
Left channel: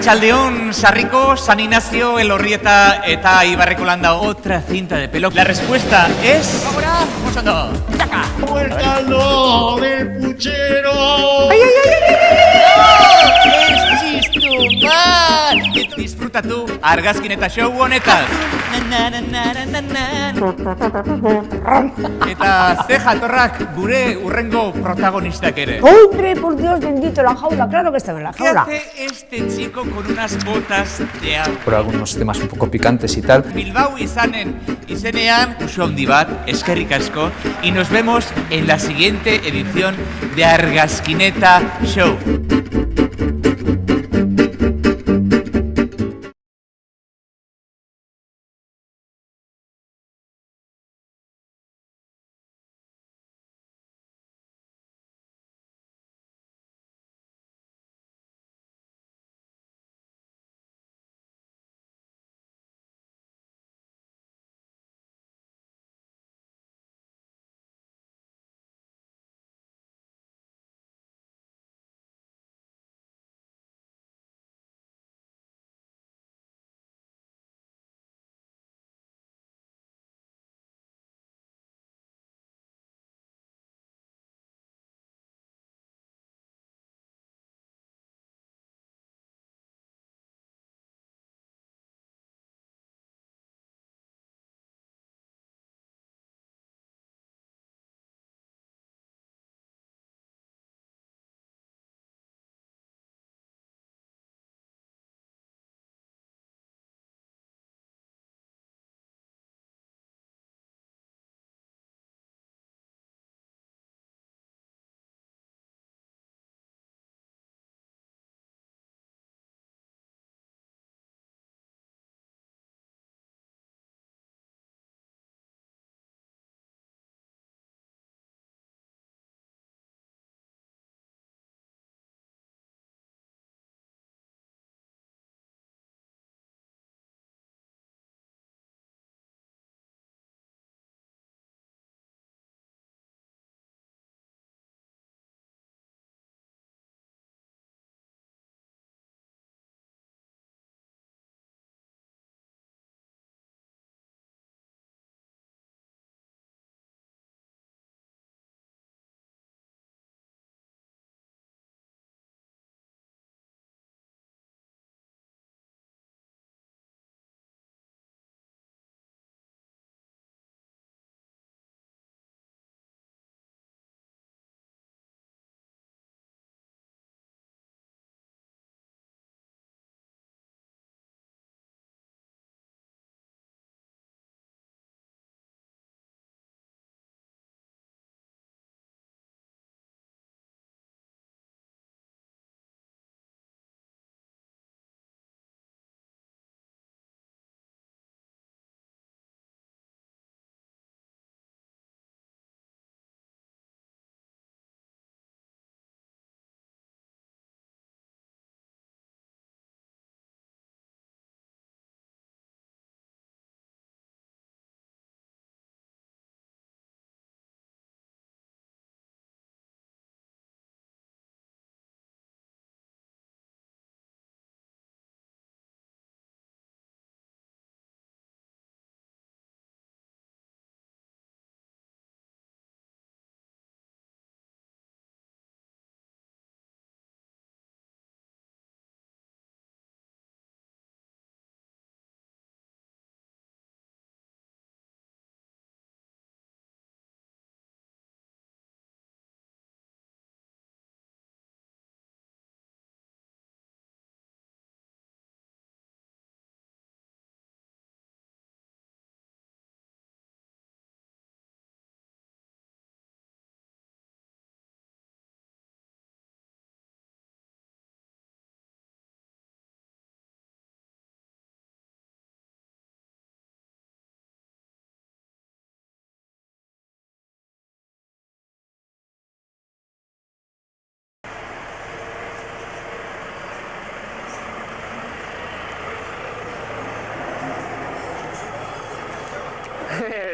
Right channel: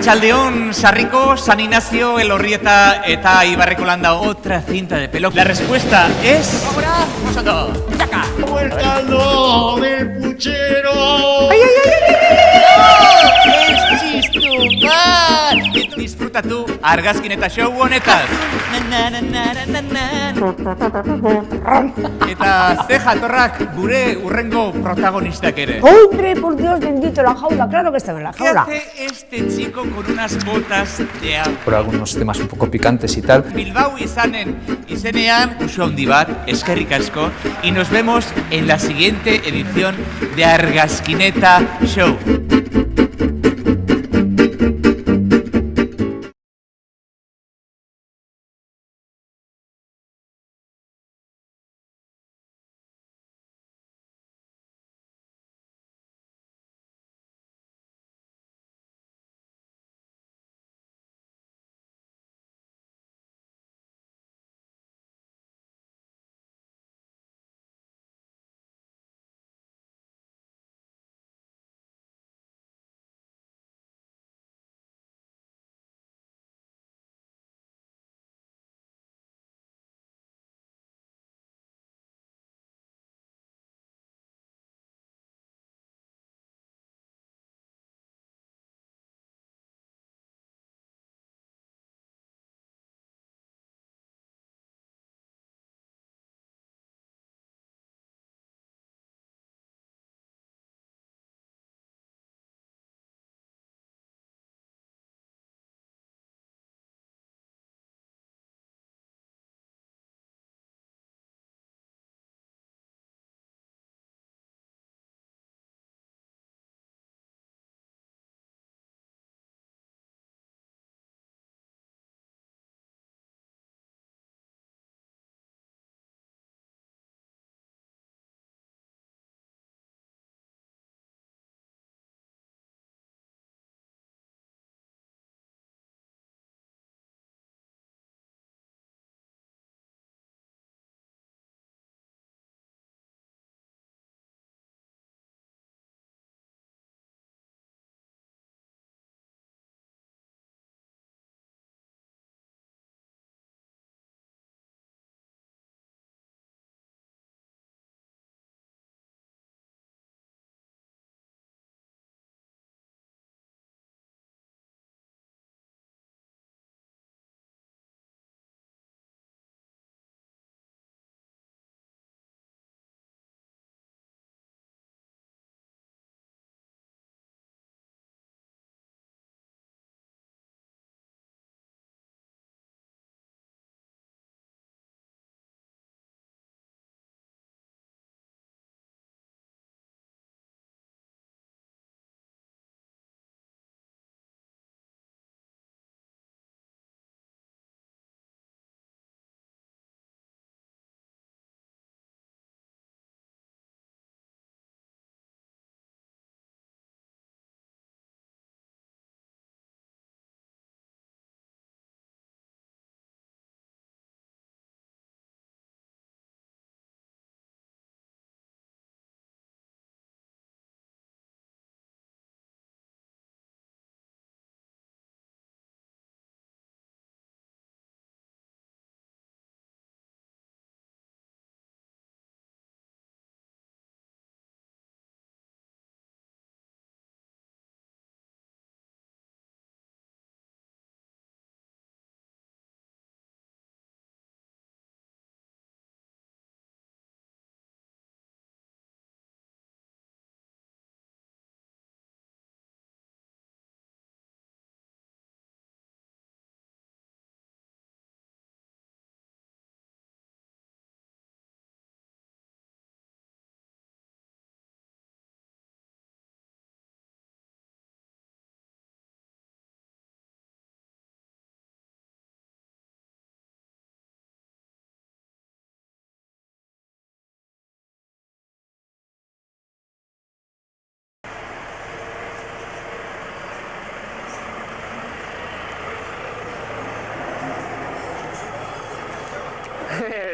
Arratsaldeon, Sarriko, San Ignacio, Elorrieta eta Ibarrekolanda, otra cinta de pelo. La respuesta es... ¡Ahora! ¡Vosotros! ¡Saca! ¡Suéltalo del puchero! ¡Ay, ay, ay! ¡Es disfruta tú, Argazkineta show honetan. Eta ze jatorrak gure urrengo protagonistak ere. ¡Hombre, por Dios bendito, la jaula! ¡Claro que estaba en la jaula! ¿Qué hace este chico con unas botas de agua? Por algunos temas un poco picantes y tal. Bilbao izenean, uso handi bat, eskerrik asko, y nos vemos en la siguiente edición de Argazkineta Show.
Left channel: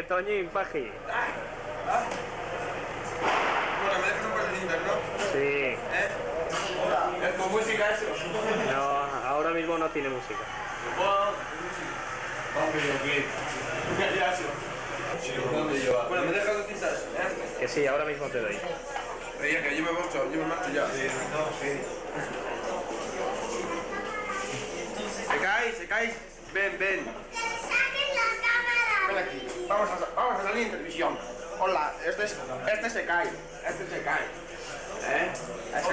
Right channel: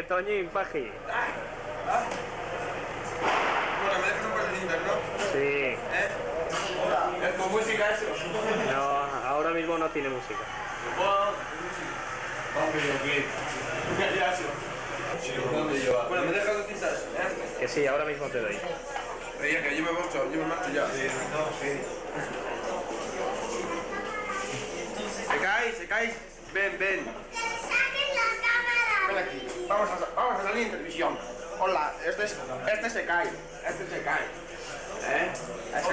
Toñín, Paji. Bueno, me dejas un par de cintas, ¿no? Sí. ¿Es con música eso? No, ahora mismo no tiene música. Bueno, me dejas 200, Que sí, ahora mismo te doy. Oye, que yo me marcho ya. ¿Se caes? Ven. Ven aquí. Vamos a salir en televisión. Hola, este se cae. ¿Eh? Es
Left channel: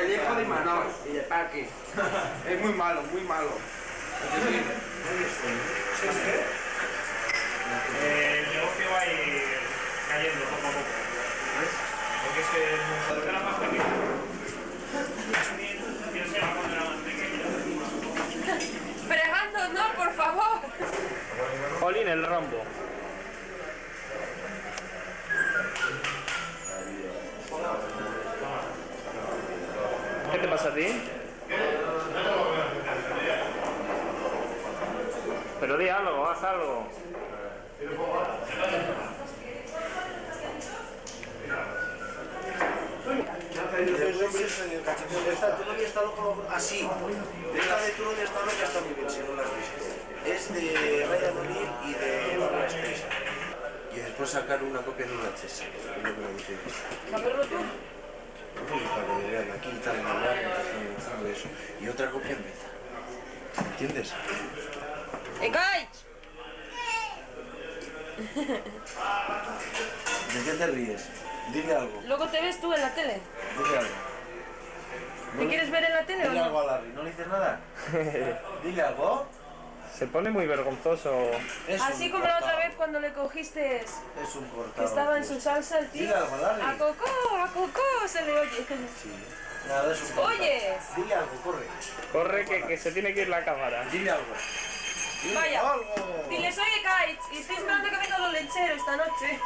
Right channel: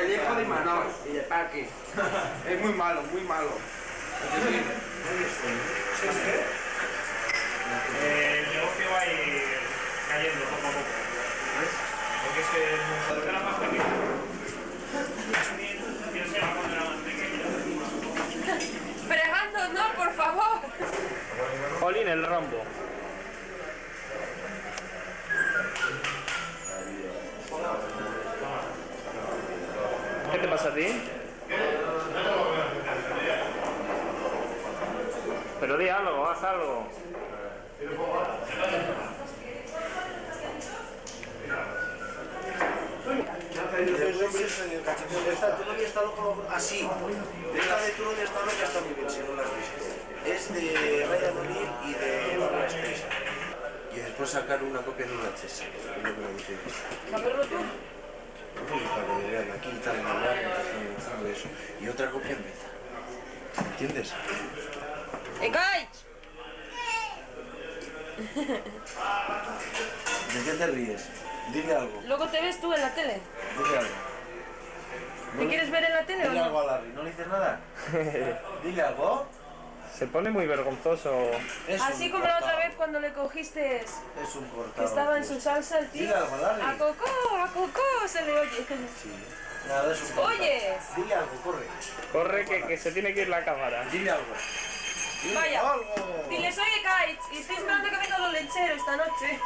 el hijo de Imanol y de Paqui. Es muy malo. El negocio va a ir cayendo poco a poco. ¿Ves? Porque es que era más pequeño. Yo sé la cuando era más pequeño. Fregando, no, por favor. Jolín, el rombo. ¿Qué te pasa a ti? Pero di algo, haz algo. Esta todavía está loco así. Esta de Turón de esta que está muy bien, si no la has visto. Es de Ryan O'Neill y de Barbara Streisand. Y después sacar una copia en una VHS. Es lo que me dice. ¿Saberlo tú? Para que me vean aquí y tal, todo eso. Y otra copia en beta. ¿Entiendes? ¡Ekaich! ¿De qué te ríes? Dile algo. Luego te ves tú en la tele. Dile algo. ¿Te quieres ver en la tele o Dile algo no? a Larry. ¿No le dices nada? Dile algo. Se pone muy vergonzoso. Así como la otra vez cuando le cogiste Es un cortado. que estaba en su salsa el tío. Dile algo a Larry. ¡A Cocó! Se le oye. Sí. Nada, es un cortado. ¡Oyes! Dile algo, corre. Corre que se tiene que ir la cámara. Dile algo. Dile Vaya. algo. Dile, soy Ekaich y estoy esperando que vengan los lecheros esta noche.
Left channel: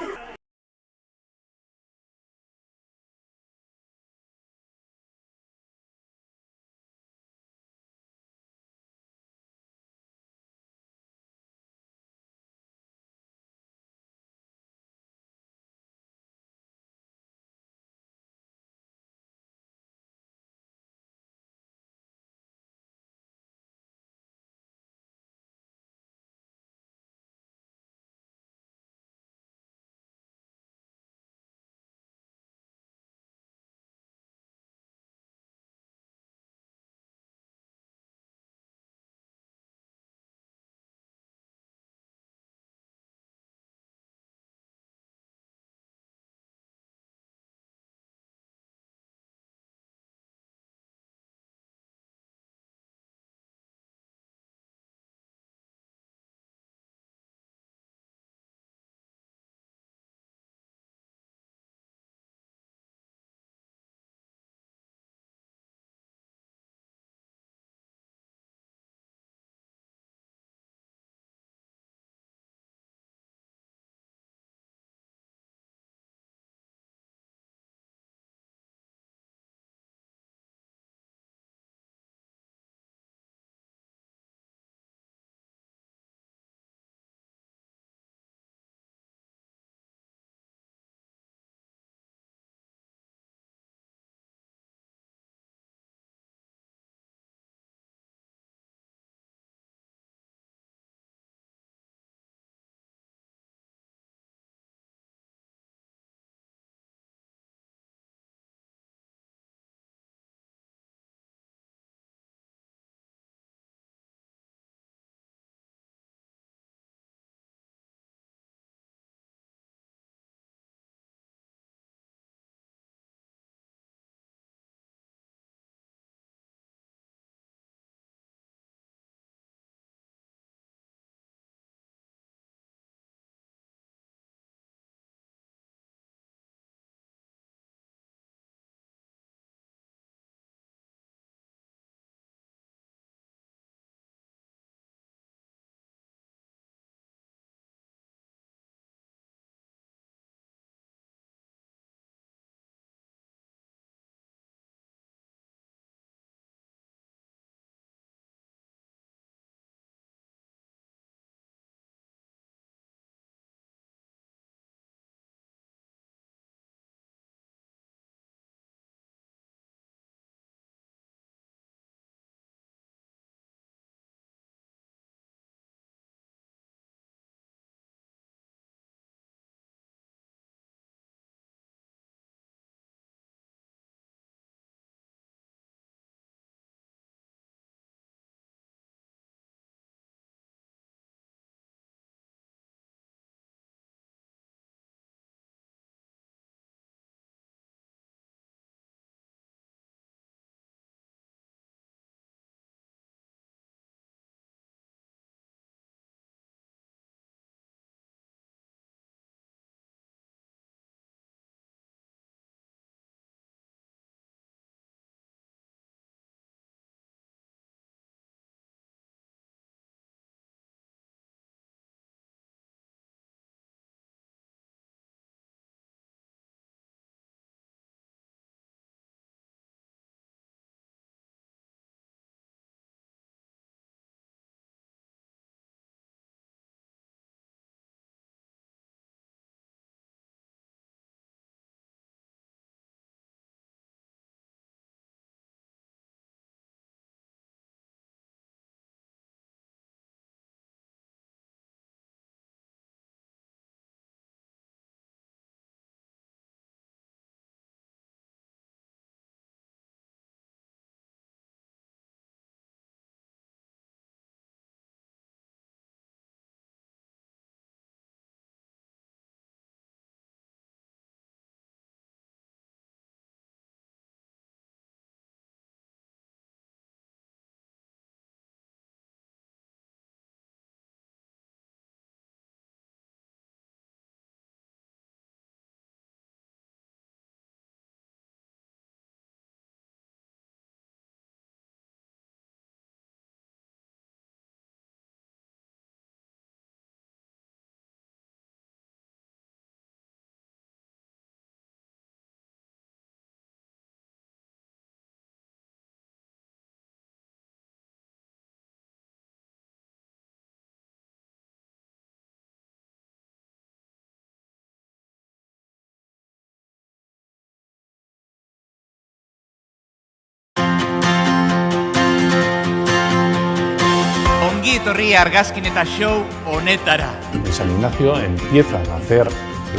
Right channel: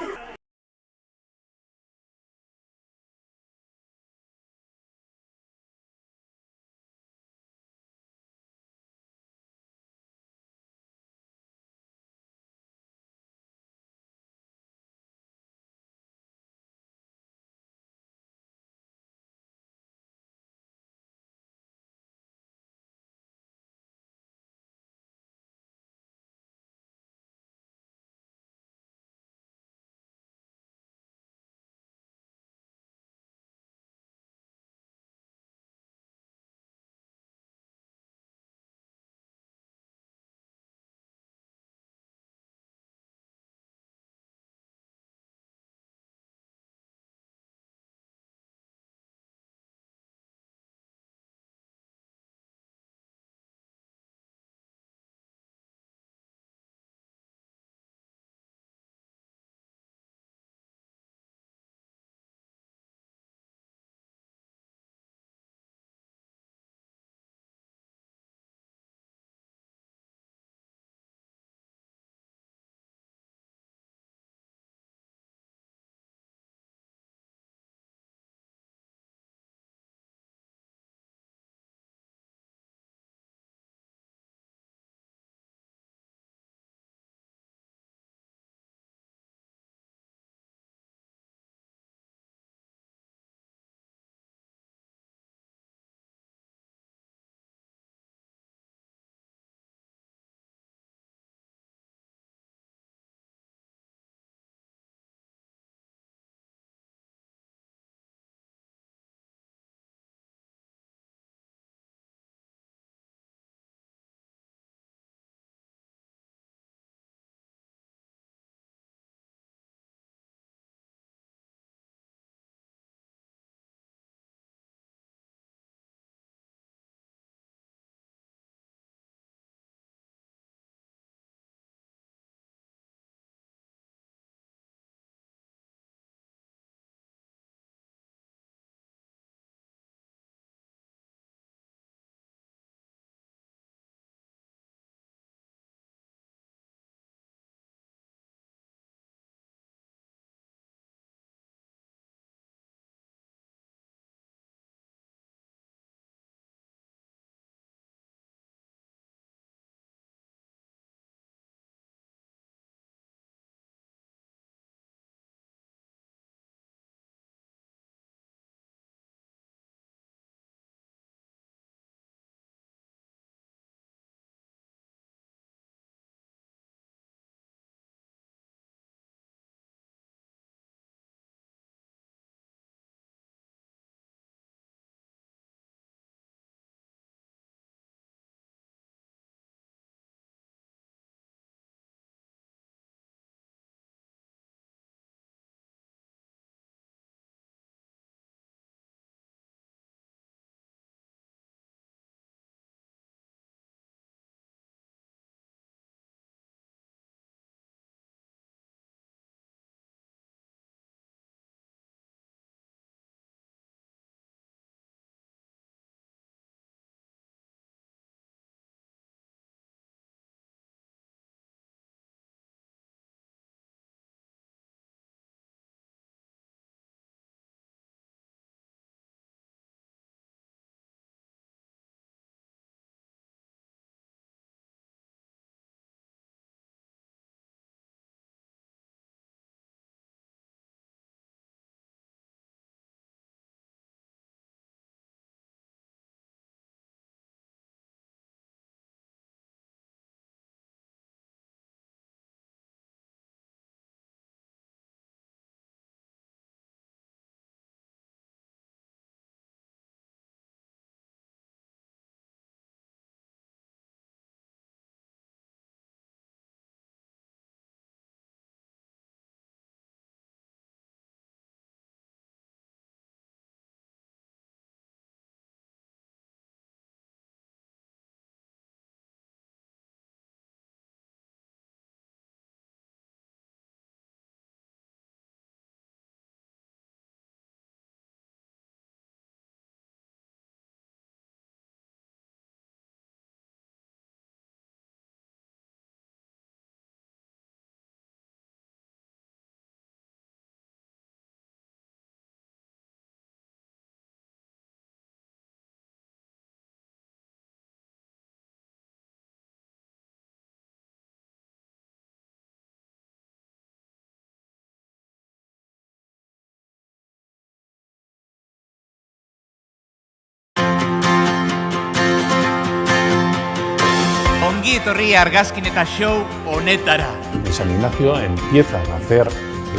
etorri argazkineta show honetara. En San Ignacio empiezan a hacer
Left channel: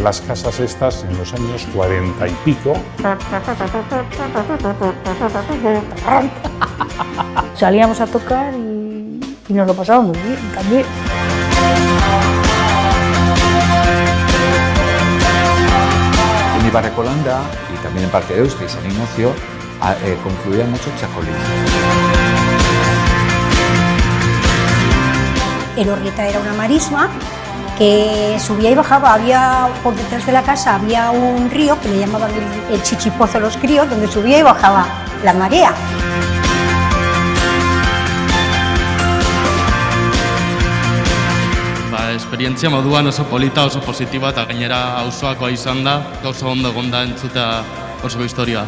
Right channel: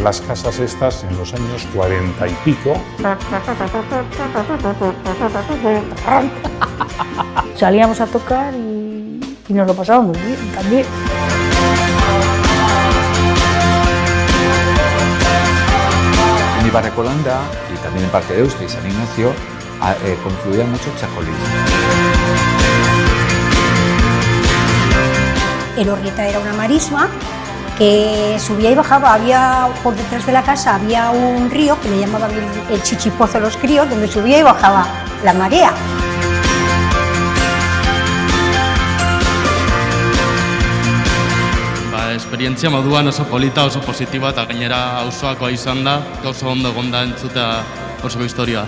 las casas estas en los años 40 y pico. Salíamos a tocar y nos lo pasábamos bien también. En Ibarrecolanda y también en parte de Deusto y San Ignacio confluía mucho chacolí. Elorrieta era una marisma que subía y bajaba, había por detrás de la casa había un río que le llamaban el Chichipozo de los Críos, donde subía y bajaba la marea. Esperientzia moduan oso polita, oso positiba eta gainera auzoakoa izan da, oso ondo egon da entzutea oso historia.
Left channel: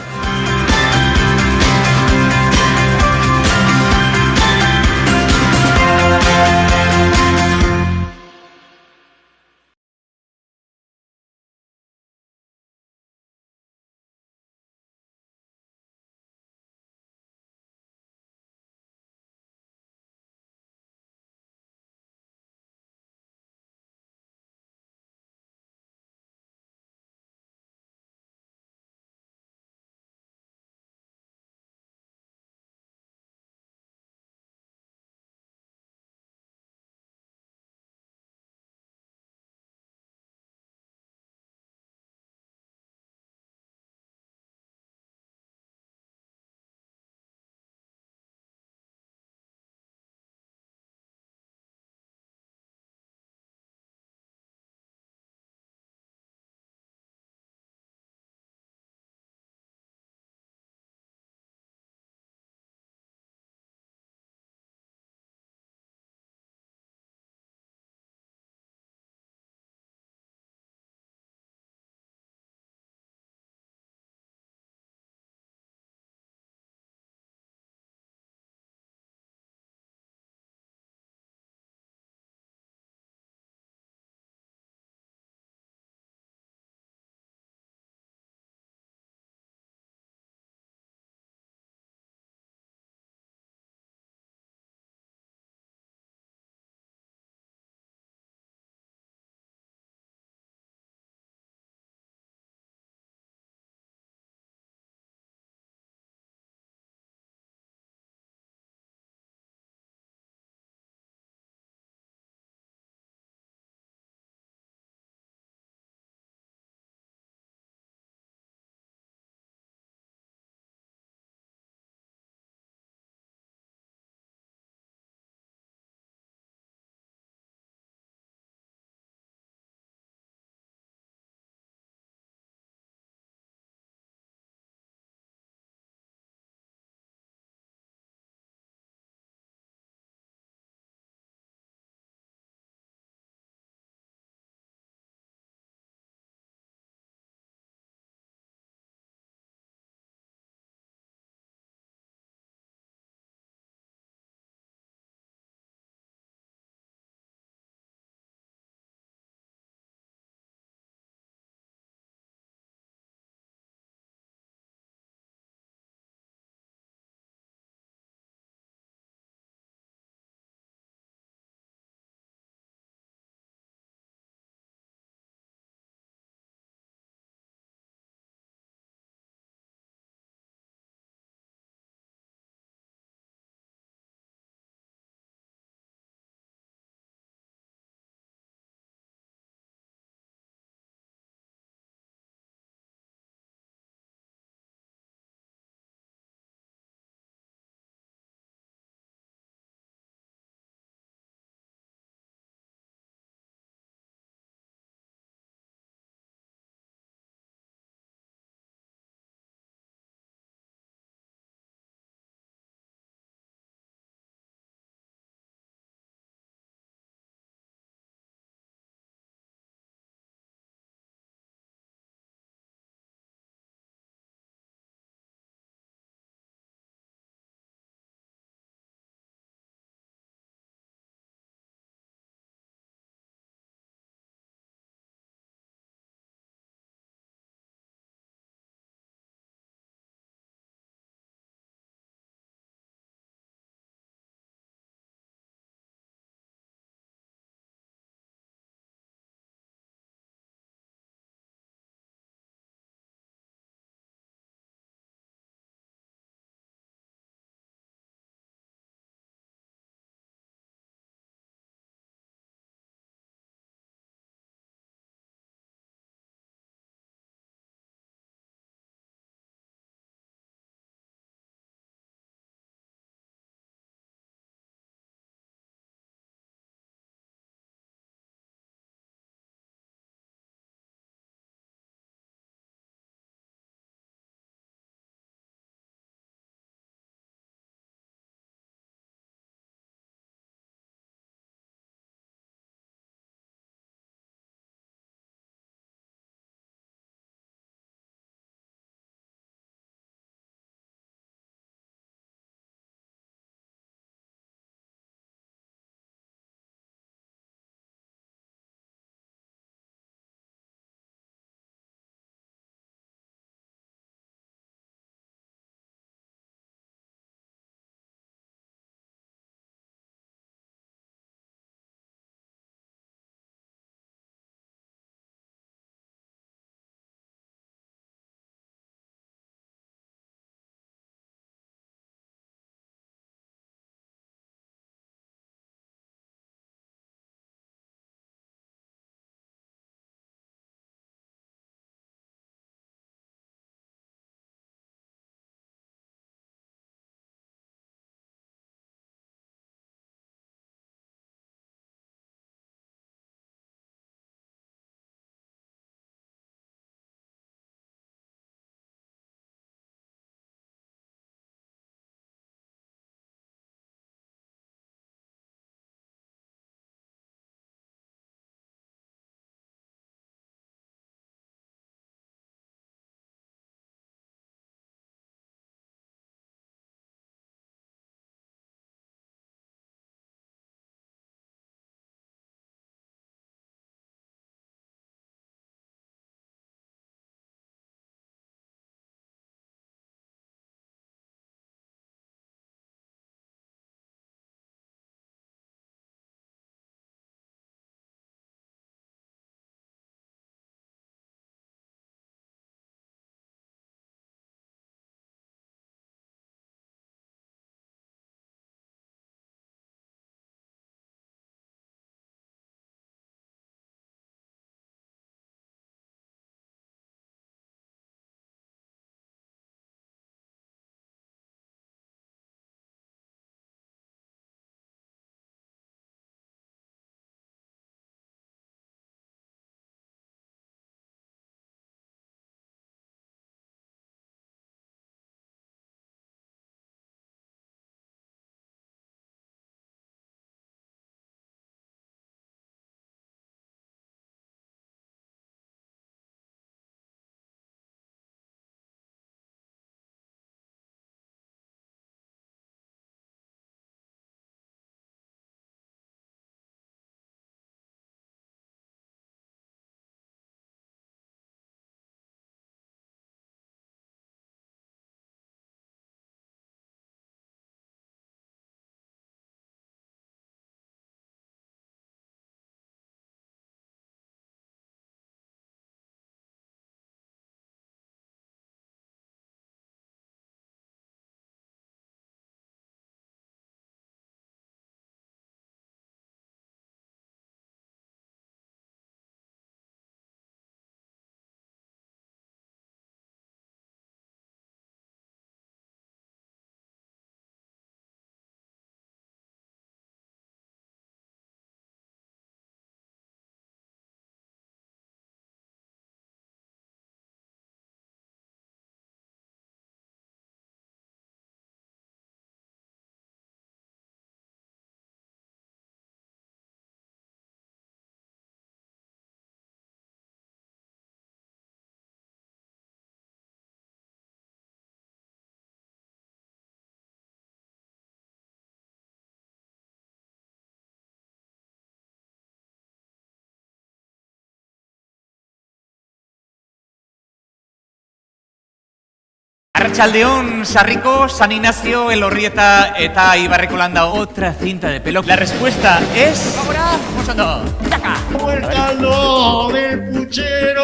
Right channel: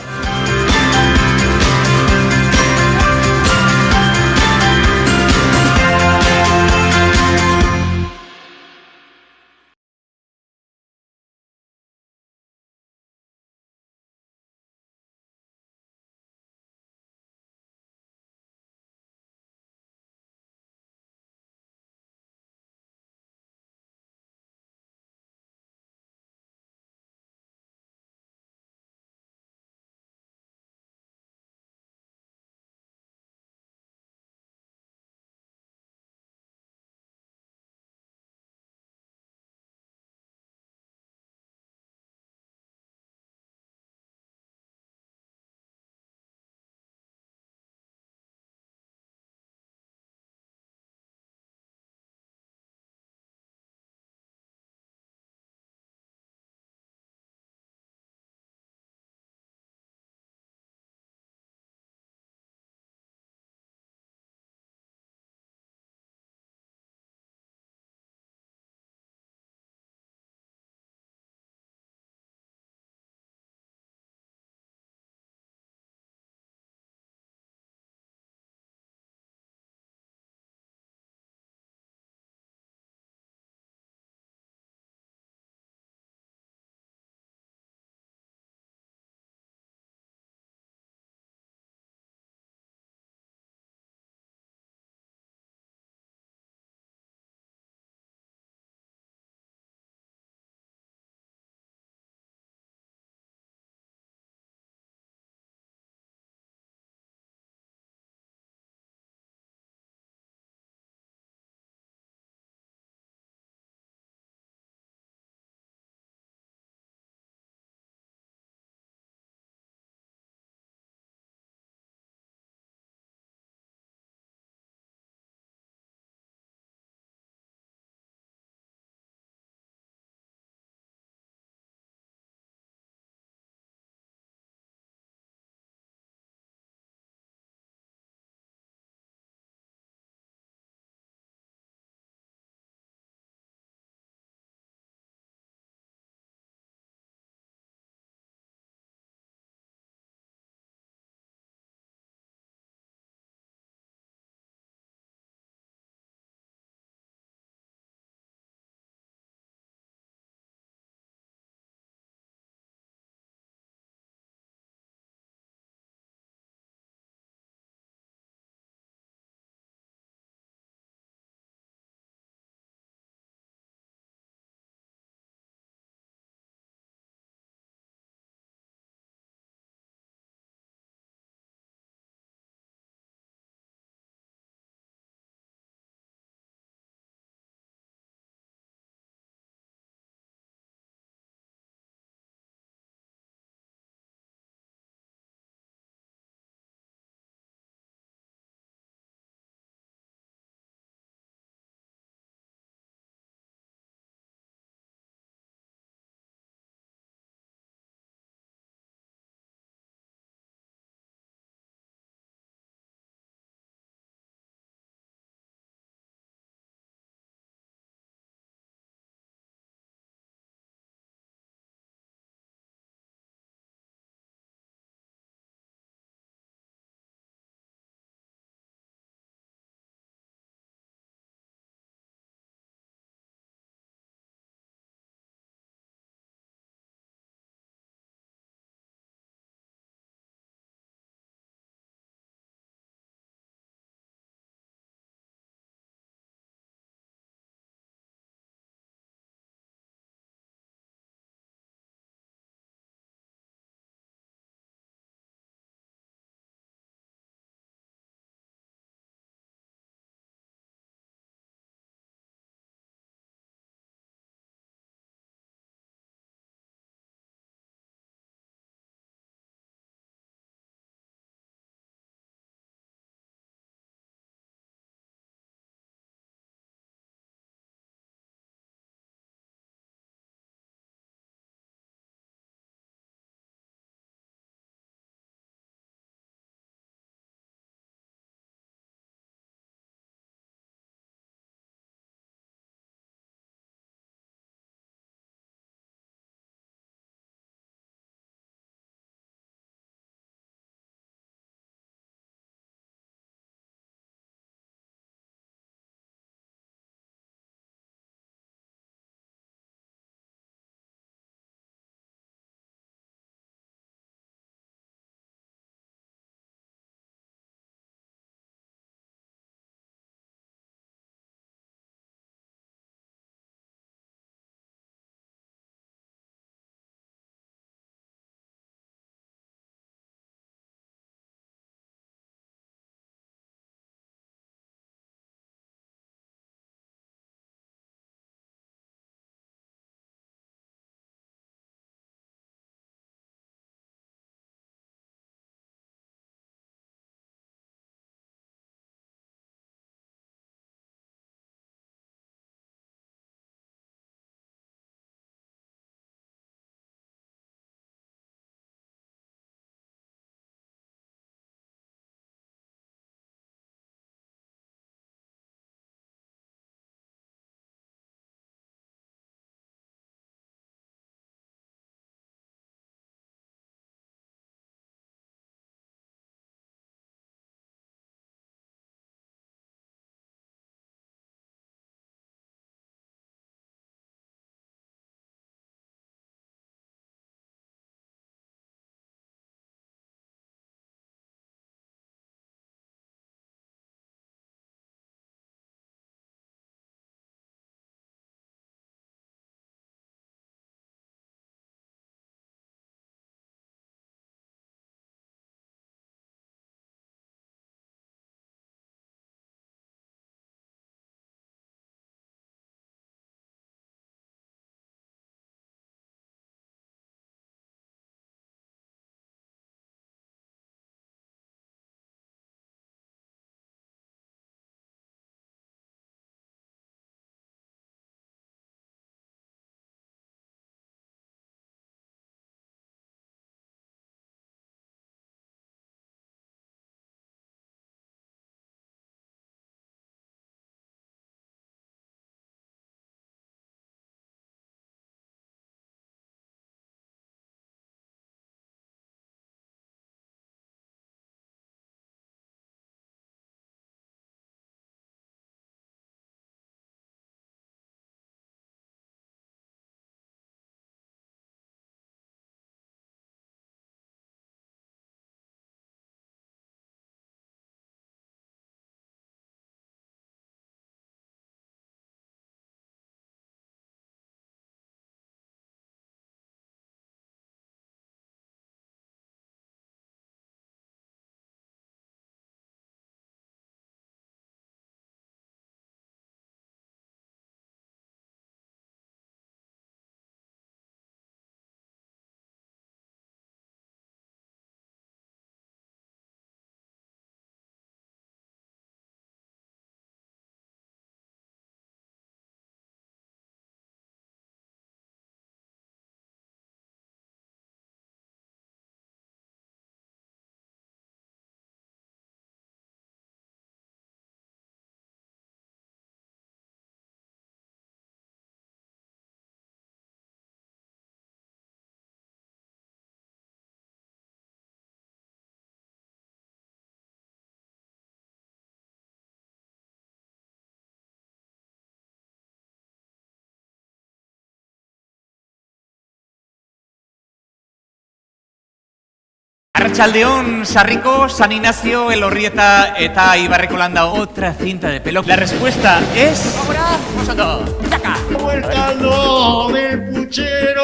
Arratsaldeon, Sarriko, San Ignacio, Elorrieta eta Ibarrekolanda. Otra cinta de pelo. La respuesta es... ¡Ahora! ¡Taca! ¡Muértalo del puchero!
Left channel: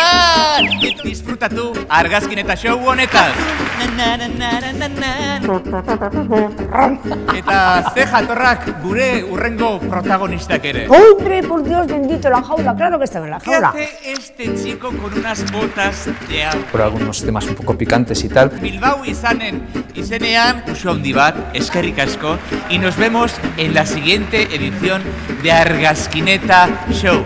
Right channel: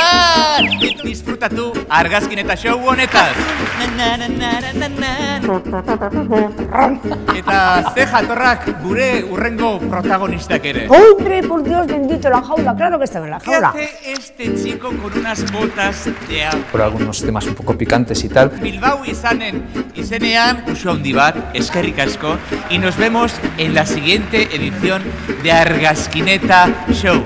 ¡Ay! Disfruta tú, Argazkineta show honetan. Eta ze jatorrak gure urrengo protagonistak ere. ¡Hombre, por Dios bendito, la jaula! Claro que estaba en la jaula. ¿Qué hace este chico con unas botas de agua? Por algunos temas un poco picantes y tal. Bilbao izenean, uso handi bat, eskerrik asko, y nos vemos en la siguiente edición de Argazkineta Show.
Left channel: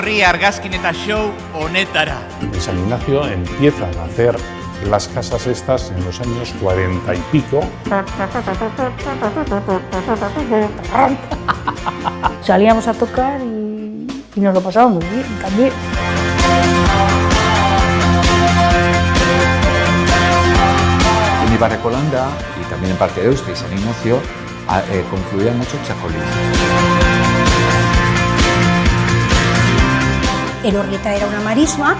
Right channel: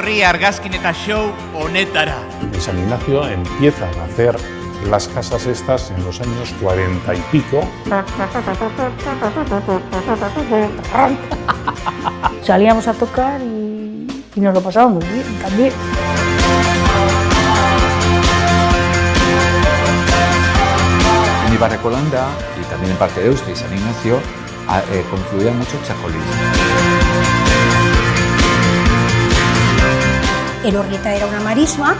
etorri argazkineta show honetara. En San Ignacio empiezan a hacer las casas estas en los años 40 y pico. Salíamos a tocar y nos lo pasábamos muy bien también. En Ibarrecolanda y también en parte de Deusto y San Ignacio confluía mucho Chacolís. Elorrieta era una marisma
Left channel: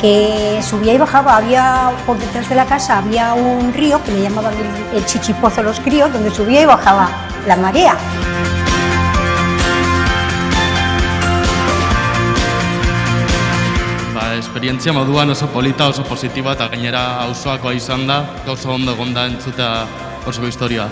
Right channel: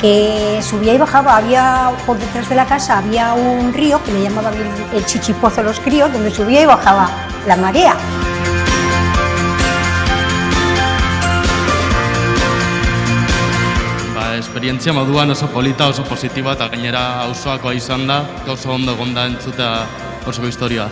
que subía y bajaba, había por detrás de la casa había un río que le llamaban el Chichipozo los críos, donde subía y bajaba la marea. Esperientzia moduan oso polita, oso positiba eta gainera auzoakoa izan da, oso ondo egon da entzutea oso historia.